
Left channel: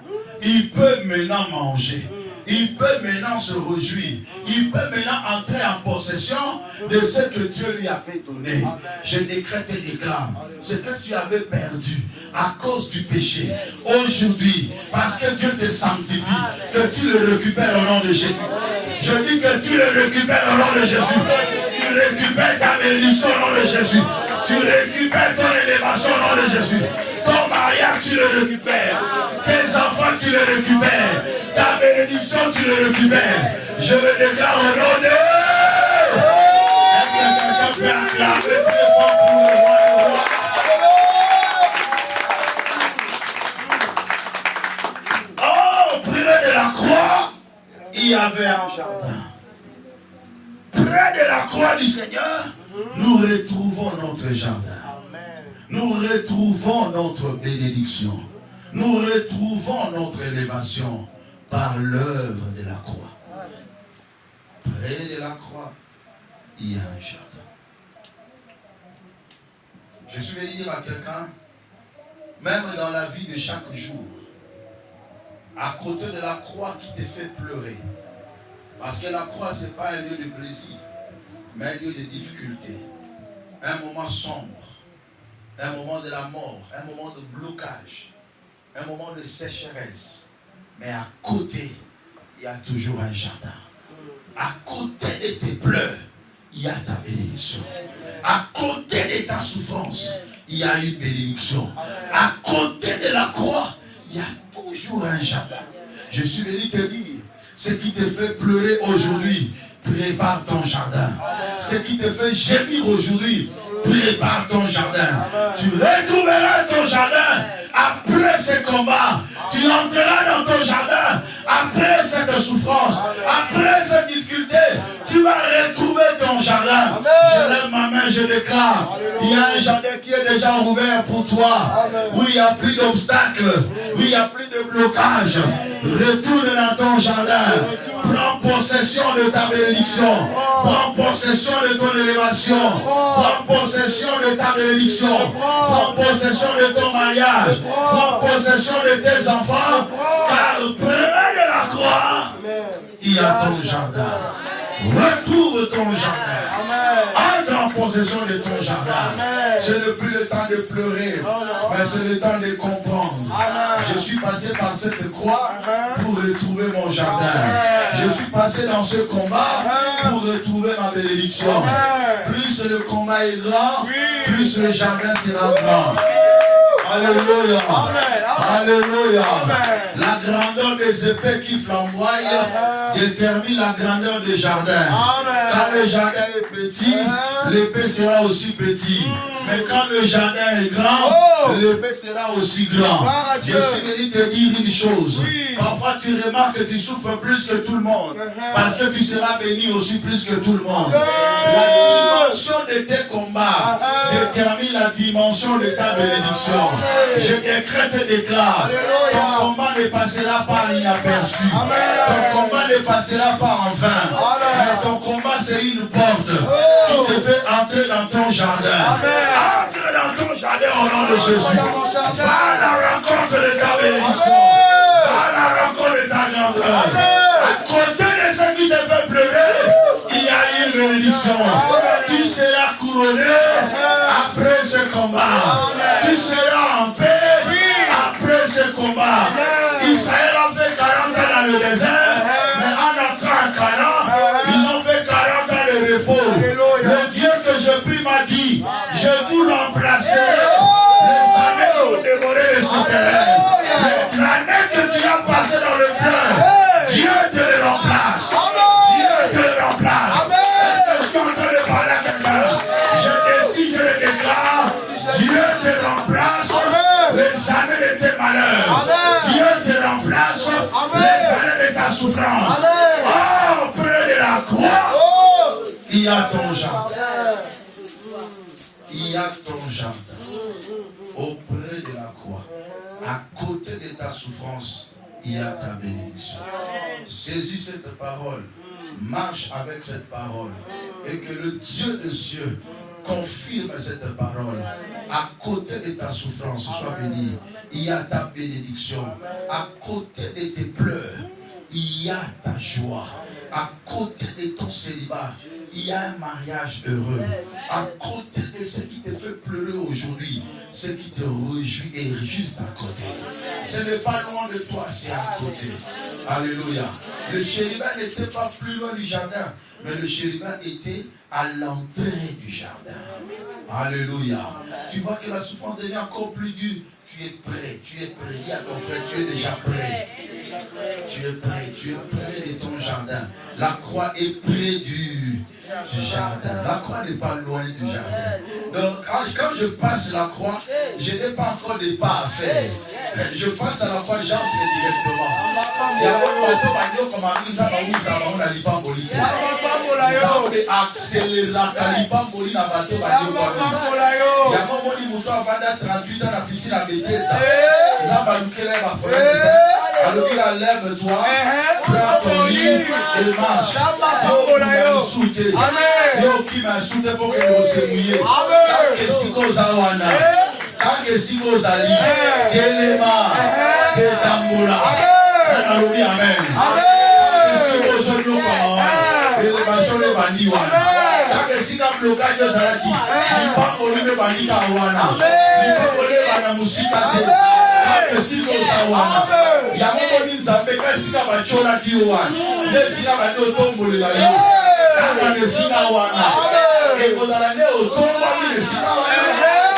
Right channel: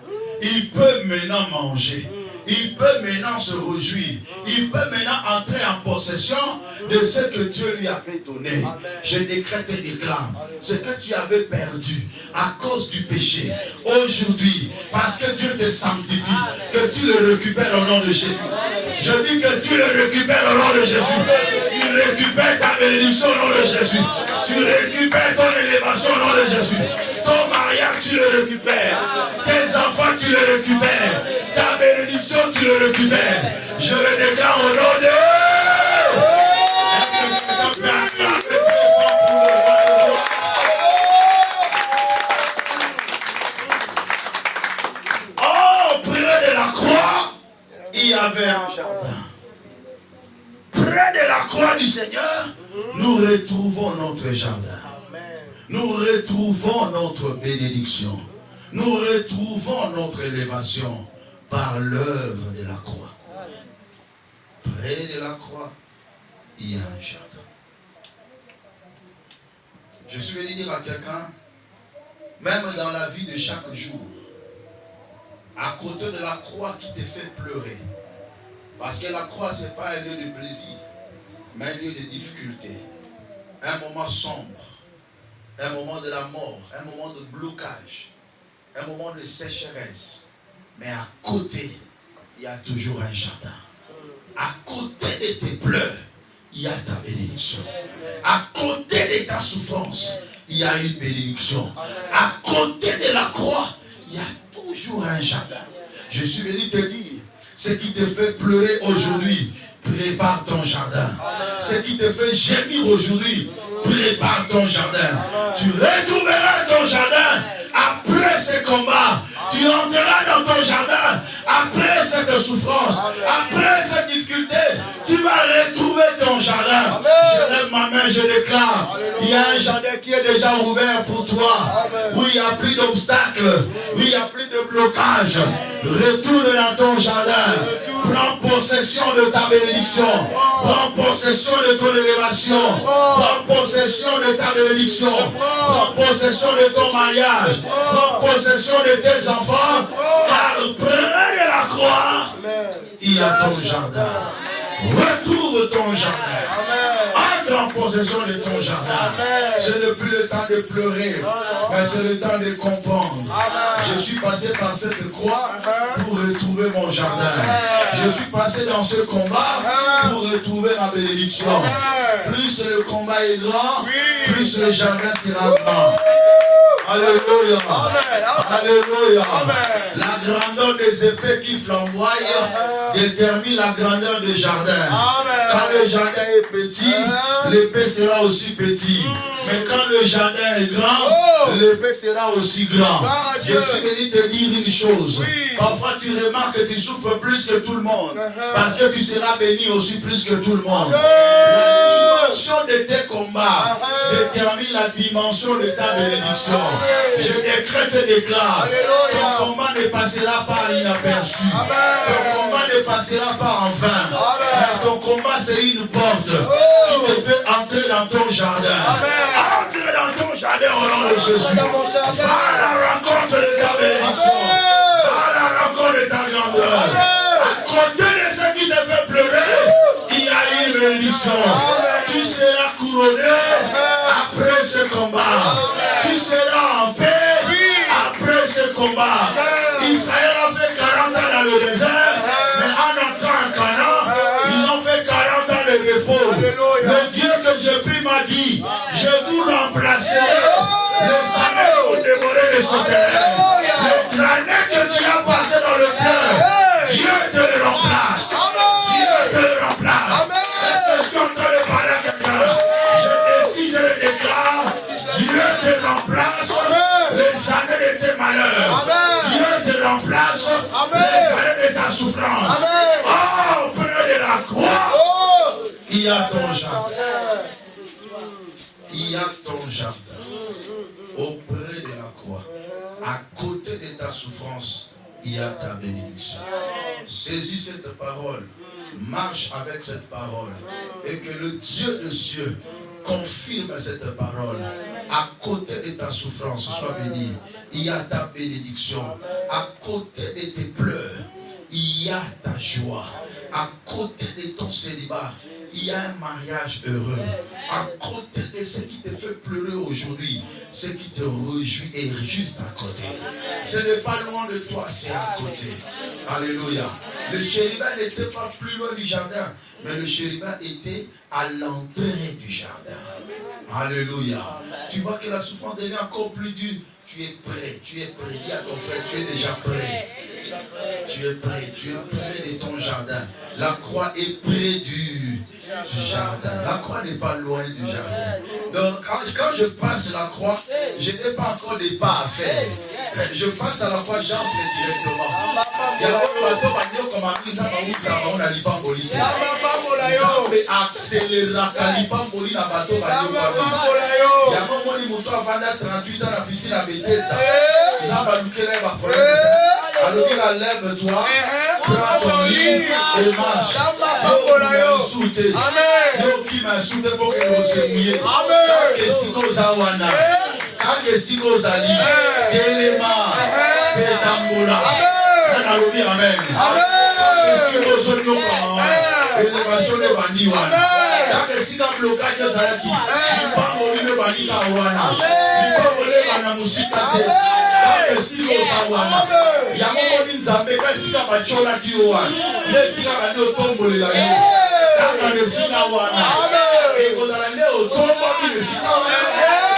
Il peut maintenant manger. Il peut maintenant se réjouir. Il peut maintenant entrer en possession de ce que Dieu lui avait donné. Amen. Je décrète et déclare ce que tu avais perdu à cause du péché. Aujourd'hui, parce que Dieu te sanctifie, que tu le récupères au nom de Jésus. Je dis que tu le récupères au nom de Jésus. Tu récupères ta bénédiction au nom de Jésus. Tu récupères ton élévation au nom de Jésus. Ton mariage, tu le récupères. Tes enfants, tu le récupères. Ta bénédiction, tu le récupères. Je le déclare au nom de... Oh, près de la croix, il y avait un jardin. Près de la croix du Seigneur, nous retrouvons notre jardin. Nous retrouvons notre bénédiction. Nous retrouvons notre élévation par l'œuvre de la croix. Près de la croix, il y a un jardin. Je suis venu dire à quelqu'un, même dans la vie de chaque jour, à côté de la croix qui te fait pleurer, parce que la croix, ce n'est pas un lieu de plaisir, mais un lieu de difficulté, un moment sombre, un moment de la mort, un moment de blocage, un moment de sécheresse. Mais à côté, il y a toujours un jardin. À côté de tes pleurs, il y a ta bénédiction. À côté de ta souffrance, il y a une bénédiction. À côté de la croix, il y a toujours un jardin. Je suis venu te dire, ce qui te fait pleurer aujourd'hui, prépare ton jardin. Ce qui te fait gémir aujourd'hui, prépare ton jardin. Tu retrouveras ton jardin après ce combat. Tu entreras dans ton jardin après cette souffrance, après cette difficulté. Tu vas retrouver ton jardin. Je lève ma main, je déclare. Il y a un jardin qui est déjà ouvert pour toi. Où il n'y a plus d'obstacles, où il n'y a plus de blocage. Retourne dans ton jardin. Prends possession de ta bénédiction. Prends possession de ton élévation. Prends possession de ta bénédiction. Prends possession de ton mariage. Prends possession de tes enfants. Car près de la croix, il y a ton jardin. Retrouve ton jardin. Entre en possession de ton jardin. Ce n'est plus le temps de pleurer, mais c'est le temps de comprendre. Je suis passé par cette croix pour retrouver mon jardin. Je suis passé dans ce combat pour retrouver ma bénédiction. Plus le combat est grand, plus le jardin sera grand. Alléluia. Alléluia. La grandeur des épées qui flamboient détermine la grandeur du jardin. Quand le jardin est petit, l'épée sera aussi petite. Mais quand le jardin est grand, l'épée sera aussi grand. Je suis venu te dire une chose. Parfois tu remarques que tu souffres plus que tout le monde. Parce que tu seras béni aussi plus que tout le monde. La dimension de tes combats détermine la dimension de ta bénédiction. Je décrète et déclare. Ton combat ne passera pas inaperçu. Ton combat ne passera pas en vain. Mais ton combat c'est une porte qui te fait entrer dans ton jardin. Entre dans ton jardin au nom de Jésus. Va à la rencontre de ta bénédiction. Va à la rencontre de ta grandeur. À côté de ce qui te fait pleurer, il y a une bénédiction. Tu seras couronné après ce combat. Tu seras en paix après ce combat. Israël a fait 40 ans dans le désert, mais en entrant en Canaan, ils ont fait 40 ans de repos. Le Dieu que je prie m'a dit, je vous remplacerai les années qui ont dévoré les souterrains. L'année que tu as passé dans le pleur, Dieu te le remplace. Dieu te le remplace. Est-ce que je suis en train de parler à quelqu'un? Je décide de le déclare. Dieu te remplace les années de tes malheurs. Dieu te remplace les années de ta souffrance. Oh, près de la croix, il y a ton jardin. Il y a ton jardin. Auprès de la croix, à côté de ta souffrance, il y a ta bénédiction. Saisis cette parole. Marche avec cette parole. Et que le Dieu de cieux confirme cette parole. À côté de ta souffrance, sois béni. Il y a ta bénédiction. À côté de tes pleurs, il y a ta joie. À côté de ton célibat, il y a un mariage heureux. À côté de ce qui te fait pleurer aujourd'hui, ce qui te réjouit est juste à côté. Ce n'est pas loin de toi, c'est à côté. Alléluia. Le chérubin n'était pas plus loin du jardin, mais le chérubin était à l'entrée du jardin. Alléluia. Tu vois que la souffrance devient encore plus dure. Tu es prêt, tu es prêt. Dis à ton frère, tu es déjà prêt. Tu es prêt de ton jardin. La croix est près du jardin. La croix n'est pas loin du jardin. Donc quand je passe la croix, je n'ai pas encore des pas à faire. Je passe à la croix, j'entre directement. Il y a un bateau comme un mise à on a l'ipambolité. Ils ont accéléré la calipamboli dans le bateau. Il y a un moto à 38 ans dans la piscine à Bethesda. Ils ont balouqué l'air à problème. Alors il a lève-toi, prends ton lit et marche. Yo qui m'a soutenu pour que nous se mouiller. Quand que si vous avez quand que si vous avez Kelema, Betamboula. Amen. Que si vous avez élévation de Bandiwana. Quand que si vous avez blocage de Zalaki, il va mourir de Bandiwana. Il va mourir de Musitate. Et si vous avez il y a un moment où nous avons fait que si vous avez chola qui est là, si vous avez tombe là,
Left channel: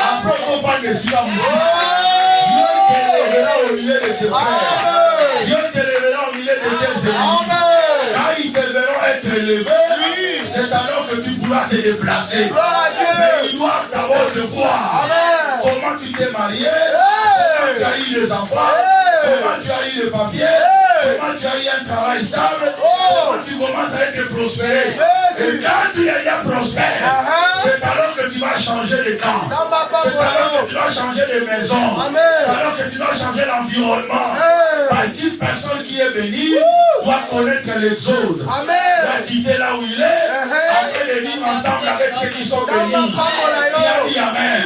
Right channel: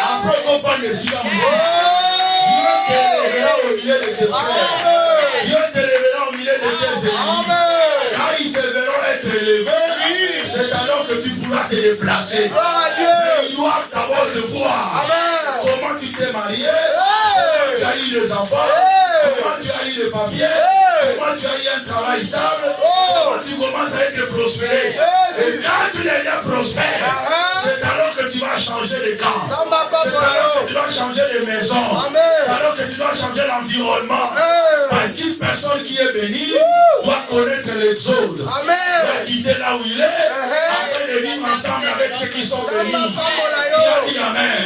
après qu'on fasse des silence, Dieu te lèvera au milieu de tes frères. Dieu te lèvera au milieu de tes ennemis. Quand ils te verront être élevés, c'est alors que tu pourras te déplacer. Mais ils doivent d'abord te voir. Comment tu t'es marié, comment tu as eu des enfants, comment tu as eu des papiers, comment tu as eu un travail stable, comment tu commences à être prospéré. Et quand tu es déjà prospère, C'est alors que tu vas changer les temps. C'est alors que tu vas changer les maisons. C'est alors que tu vas changer l'environnement. Parce qu'une personne qui est bénie doit connaître l'exode. Doit quitter là où il est. Après de vivre ensemble avec ceux qui sont bénis. Il a dit Amen.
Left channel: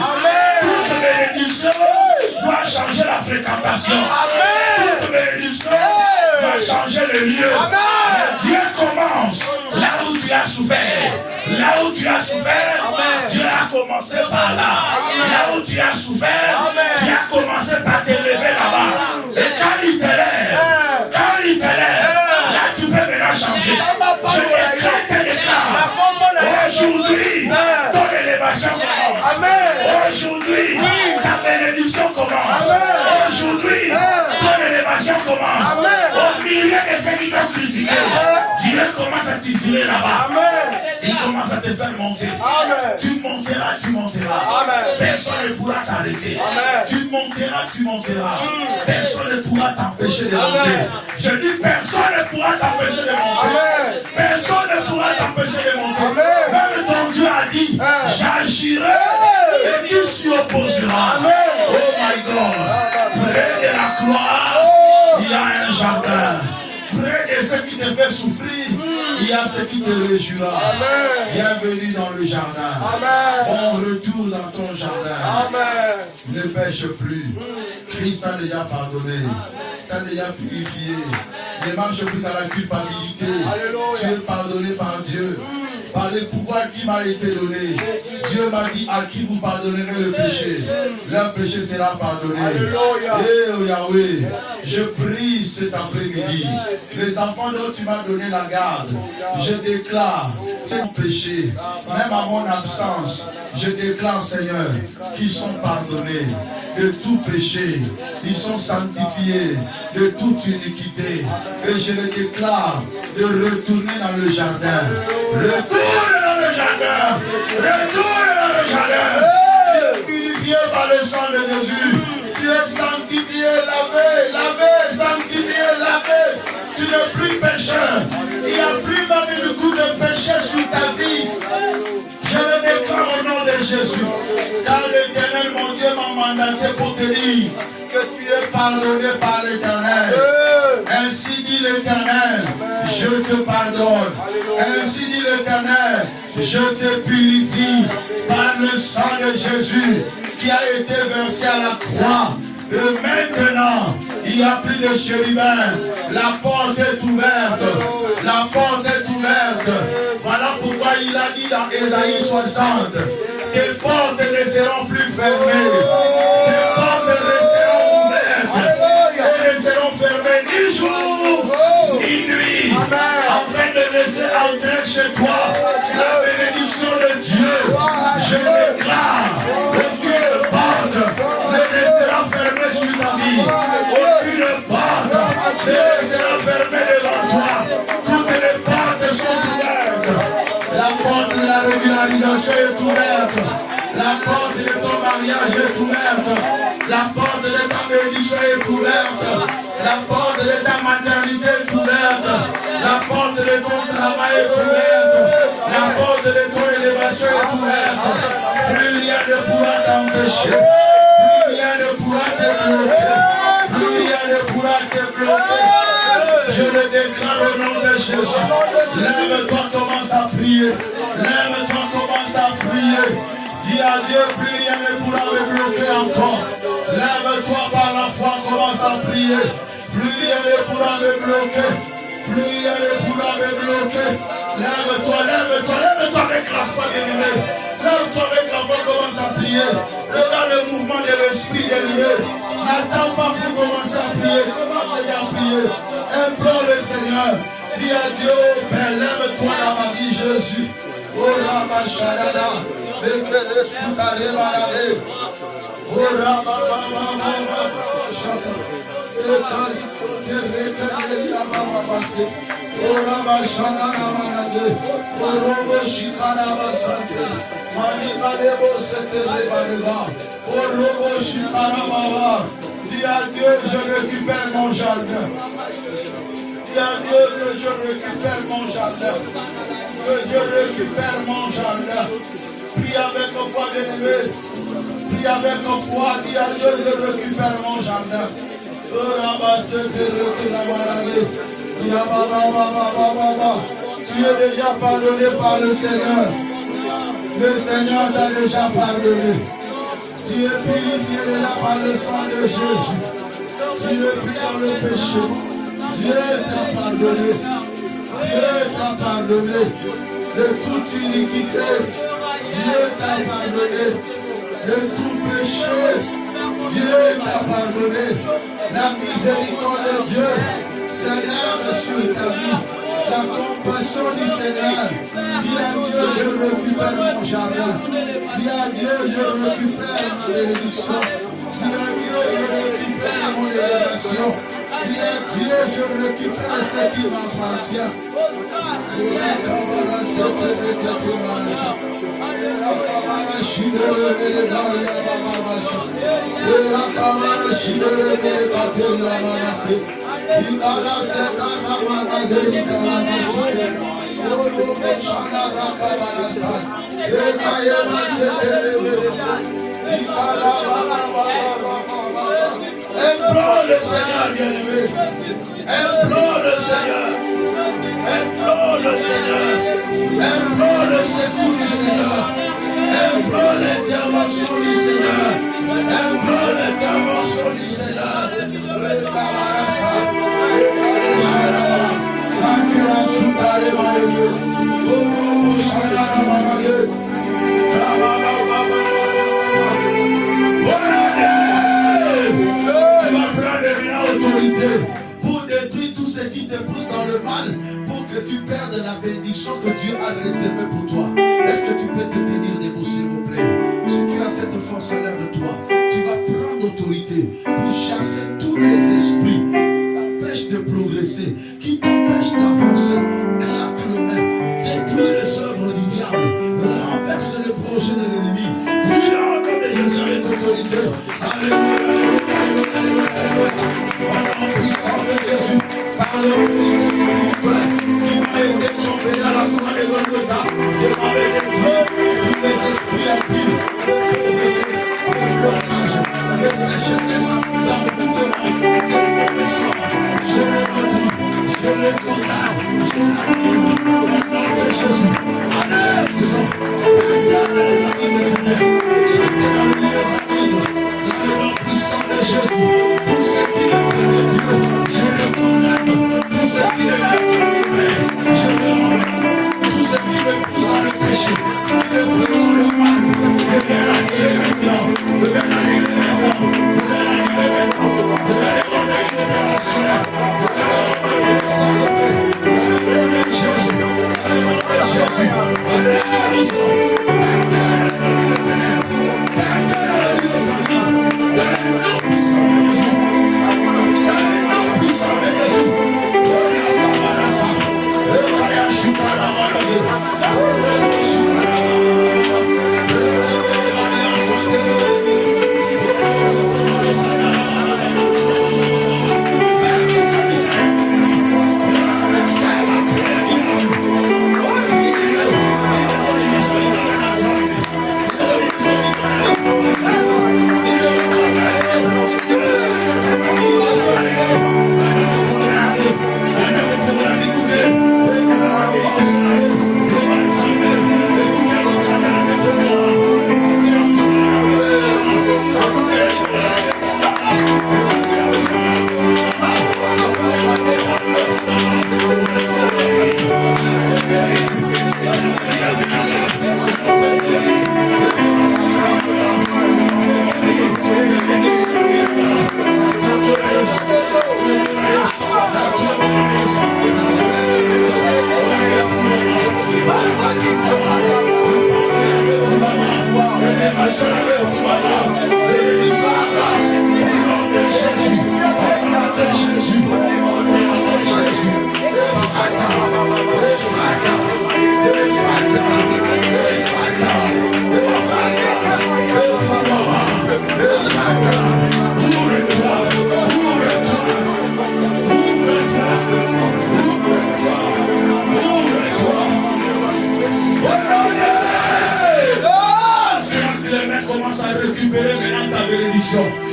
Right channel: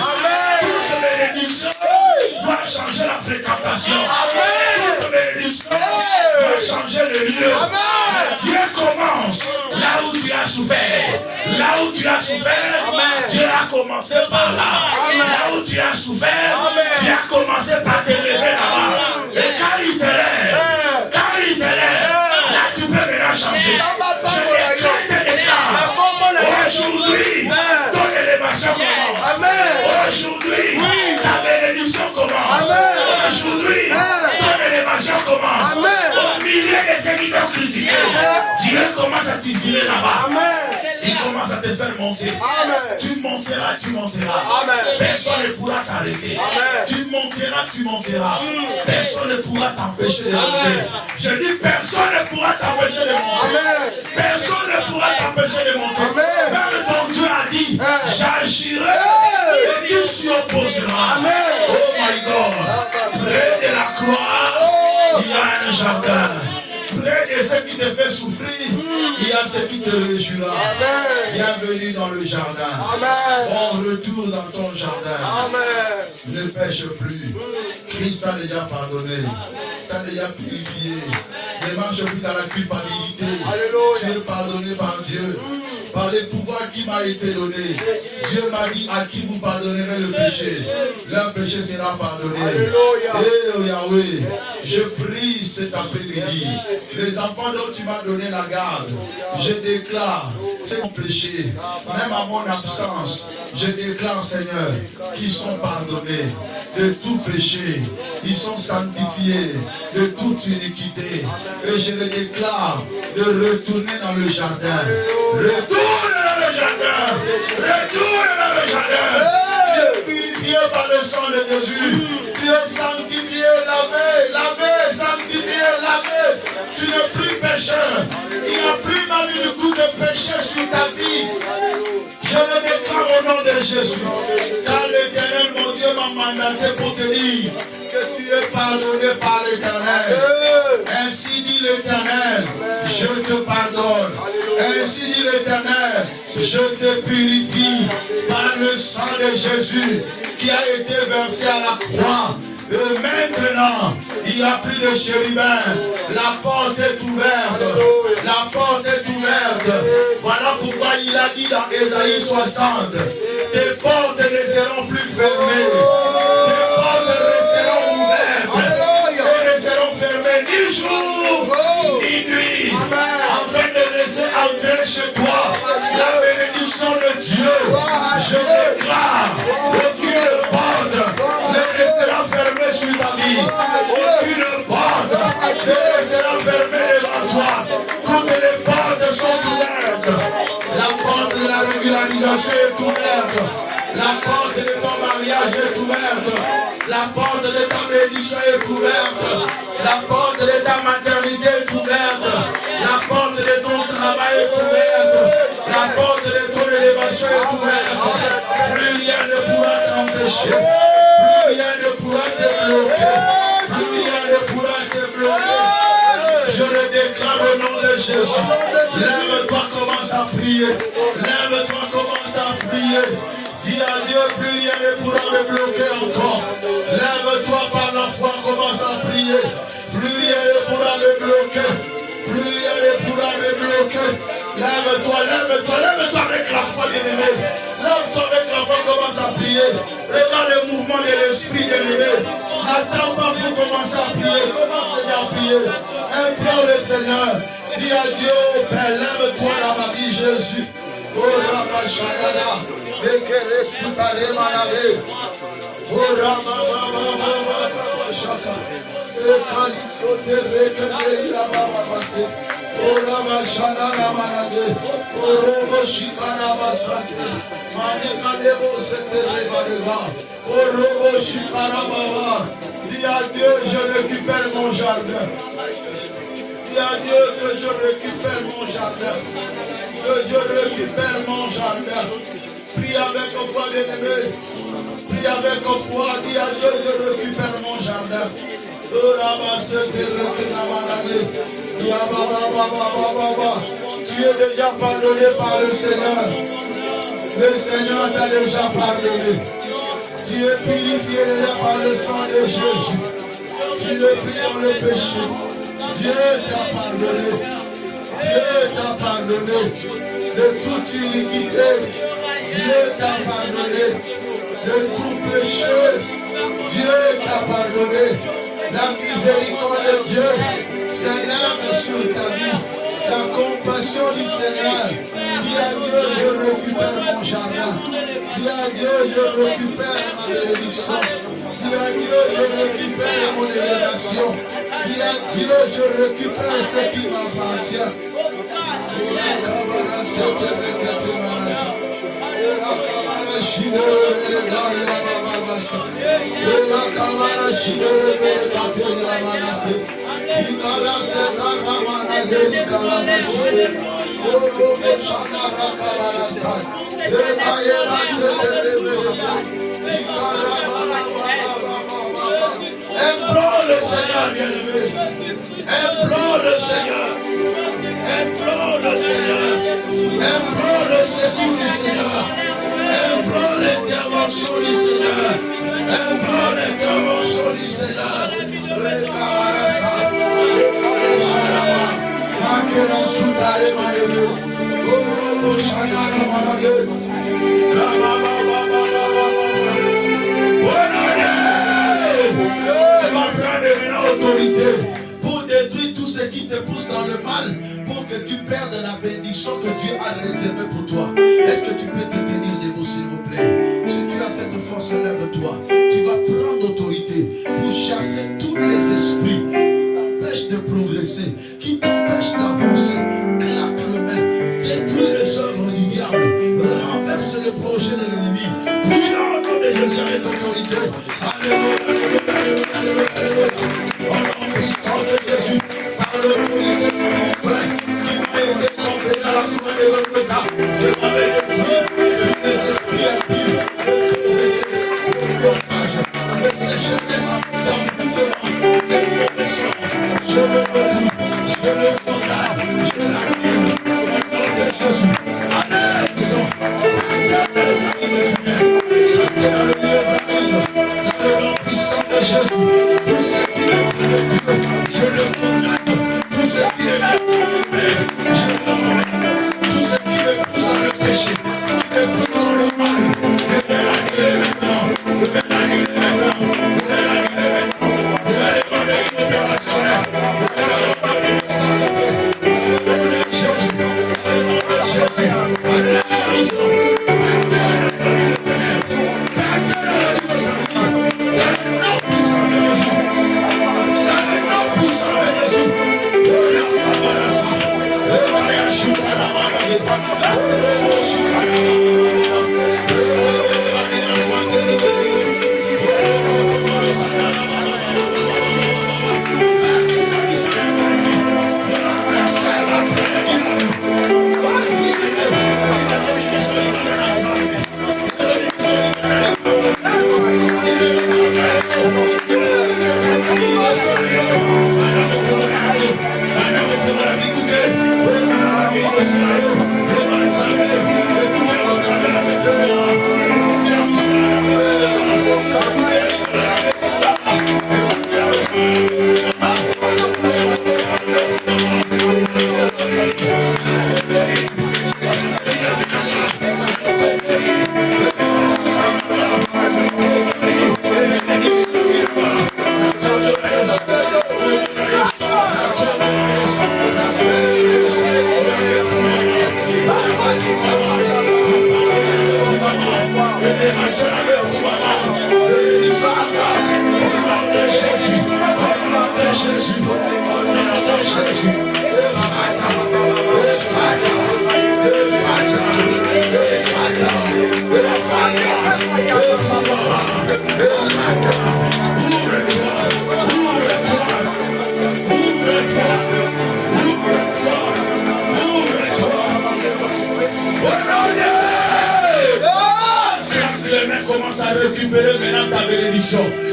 Toute bénédiction doit changer la fréquentation. Toute bénédiction doit changer les lieux. Dieu commence là où tu as souffert. Là où tu as souffert, Dieu a commencé par là. Là où tu as souffert, tu as commencé par te lever là-bas. Et quand il te lève, là tu peux maintenant changer. Je déclare aujourd'hui, ton élévation commence. Aujourd'hui, ta bénédiction commence. Aujourd'hui, ton élévation commence. Au milieu de ceux qui t'ont critiqué, Dieu commence à t'isoler là-bas. Il commence à te faire monter. Tu monteras. Personne ne pourra t'arrêter. Tu monteras. Personne ne pourra t'empêcher de monter. Je dis personne ne pourra t'empêcher de monter. Personne ne pourra t'empêcher de monter. Même ton Dieu a dit, j'agirai et tu s'y opposeras. Oh my God. Près de la croix, il y a un jardin. Près de ce qui te fait souffrir, il y a ce qui te réjouira. Bienvenue dans le jardin. Bon retour dans ton jardin. Ne pêche plus. Christ t'a déjà pardonné. T'a déjà purifié. Ne marche plus dans la culpabilité. Tu es pardonné par Dieu. Par les pouvoirs qui m'a été donné. Dieu m'a dit à qui vous pardonnerez le péché, leur péché sera pardonné. Et Yahweh, je prie cet après-midi, les enfants dont tu m'as donné la garde, je déclare mon péché, même à mon absence, je déclare Seigneur, qu'ils sont pardonnés de tout péché, ils sont sanctifiés de toute iniquité. Et je le déclare de retourner dans le jardin. Retourne dans le jardin. Retourne dans le jardin. Tu es purifié par le sang de Jésus. Tu es sanctifié, lavé, sanctifié, lavé. Tu n'es plus pécheur. Il n'y a plus même une goutte de péché sous ta vie. Je le déclare au nom de Jésus. Car l'Éternel, mon Dieu, m'a mandaté pour te dire que tu es pardonné par l'Éternel. Ainsi dit l'Éternel, je te pardonne. Ainsi dit l'Éternel, je te purifie par le sang de Jésus qui a été versé à la croix. Et maintenant, il n'y a plus de chérubins. La porte est ouverte. La porte est ouverte. Voilà pourquoi il a dit dans Ésaïe 60, tes portes ne seront plus fermées. Tes portes resteront ouvertes. Elles ne seront fermées ni jour, ni nuit. Afin de laisser entrer chez toi la bénédiction de Dieu. Je déclare aucune porte ne restera fermée sur ta vie. Aucune porte ne restera fermée devant toi. Toutes les portes sont ouvertes. La porte de la régularisation est ouverte. La porte de ton mariage est ouverte. La porte de ta bénédiction est ouverte. La porte de ta maternité est ouverte. La porte de ton travail est ouverte. La porte de ton élévation est ouverte. Plus rien ne pourra t'empêcher. Plus rien ne pourra te bloquer. Plus rien ne pourra te bloquer. Je le déclare au nom de Jésus. Lève-toi, commence à prier. Lève-toi, commence à prier. Dis à Dieu, plus rien ne pourra me bloquer encore. Lève-toi par la foi, commence à prier. Plus rien ne pourra me bloquer. Plus rien ne pourra me bloquer. Lève-toi avec la foi, bien-aimé. Lève-toi avec la foi, commence à prier. Regarde le mouvement de l'esprit, bien-aimé. N'attends pas pour commencer à prier. Commence à prier. Implore le Seigneur. Dis à Dieu, Père, lève-toi dans ma vie, Jésus. Oh, la machayada. Bekele sutare malade. Oh, la dis à Dieu, je récupère mon jardin. Dis à Dieu que je récupère mon jardin. Que je récupère mon jardin. Prie Prie avec nos foi, bien-aimés. Prie avec nos foi. Dis à Dieu, je récupère mon jardin. Tu es déjà pardonné par le Seigneur. Le Seigneur t'a déjà pardonné. Tu es purifié déjà par le sang de Jésus. Tu es pris dans le péché. Dieu t'a pardonné. Dieu t'a pardonné de toute iniquité. Dieu t'a pardonné de tout péché. Dieu t'a pardonné. La miséricorde de Dieu s'élève sur ta vie. La compassion du Seigneur. Dis à Dieu, je récupère mon jardin. Dis à Dieu, je récupère ma bénédiction. Dis à Dieu, je récupère mon élévation. Dis à Dieu, je récupère ce qui m'appartient. Implore le Seigneur, bien-aimé. Implore le Seigneur. Implore le Seigneur. Implore le secours du Seigneur. Implore l'intervention du Seigneur. Implore l'intervention du Seigneur. Pour détruire tout ce qui te pousse dans le mal, pour que tu perdes la bénédiction que Dieu a réservée pour toi. Est-ce que tu peux te tenir debout, s'il vous plaît? Si tu as cette force, lève-toi. Tu vas prendre autorité pour chasser tous les esprits qui t'empêchent de progresser, qui t'empêchent d'avancer. Claque le main, détruis les œuvres du diable, renverse le projet de l'ennemi. Prie au nom de Dieu avec autorité. Alléluia, alléluia, alléluia, alléluia. Au nom puissant de Jésus, par le Esprit spirituel qui m'a aidé à entrer dans la cour de Golgotha, de m'avoir détruit tous les esprits impies, de sécheresse, d'emboutement, de mauvais sort. Je le redis, je le condamne, je l'annule au nom de Jésus. Alléluia, puissant, tout ce qui est de Dieu, je le condamne. Tout ce qui est de Dieu, je le condamne. Tout ce qui me pousse à le péché, qui me pousse dans le mal, je vais l'annuler maintenant. Je vais l'annuler maintenant. Je vais l'annuler maintenant. Je vais les remettre opérationnels. Je vais les remettre opérationnels. Jésus, Jésus,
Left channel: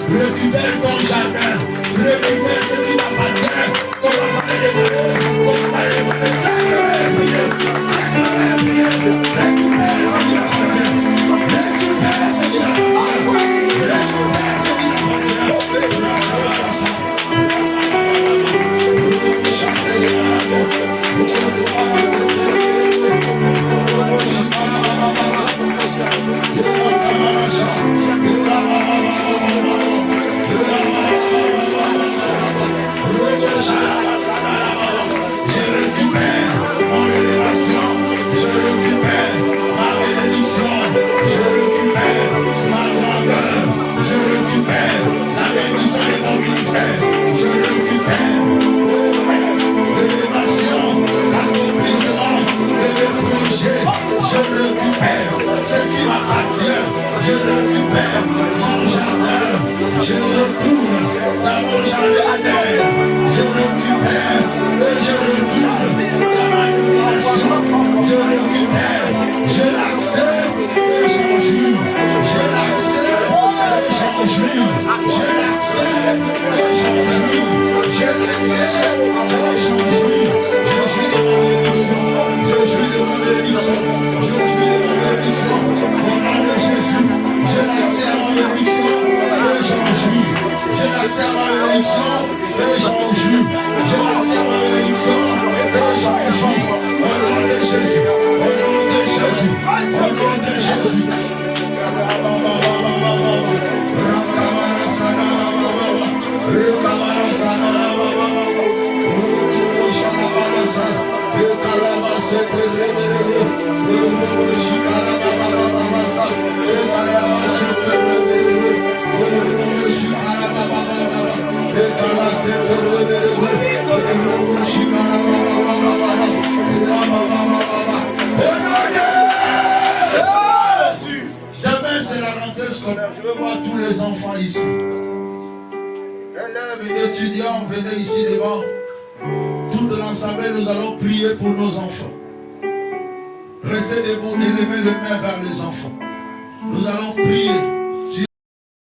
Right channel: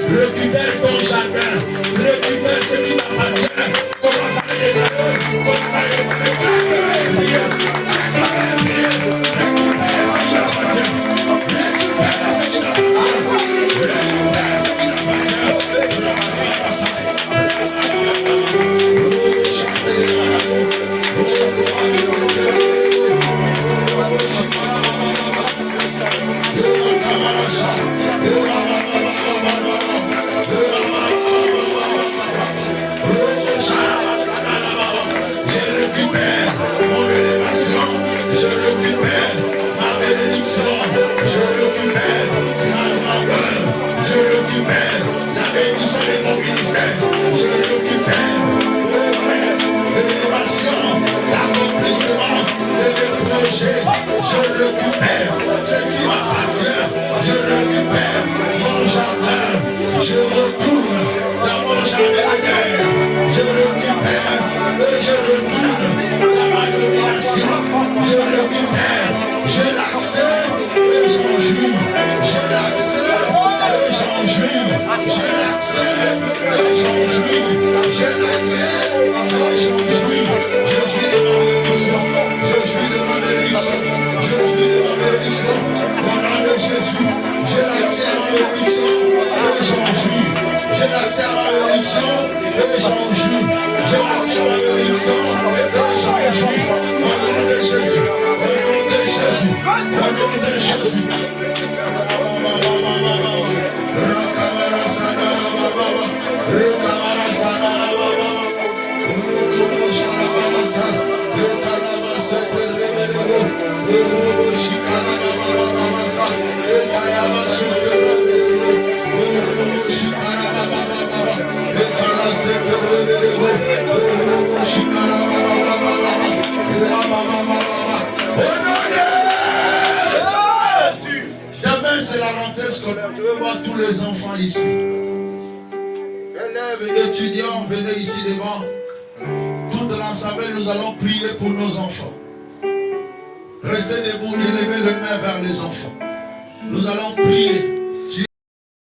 Récupère ton jardin. Récupère ce qui t'appartient. Commence à les déclarer. Commence à les C'est la rentrée scolaire. Je veux voir tous les enfants ici. Élèves et étudiants, venez ici devant. Toute l'assemblée, nous allons prier pour nos enfants. Restez debout, élevez les mains vers les enfants. Nous allons prier.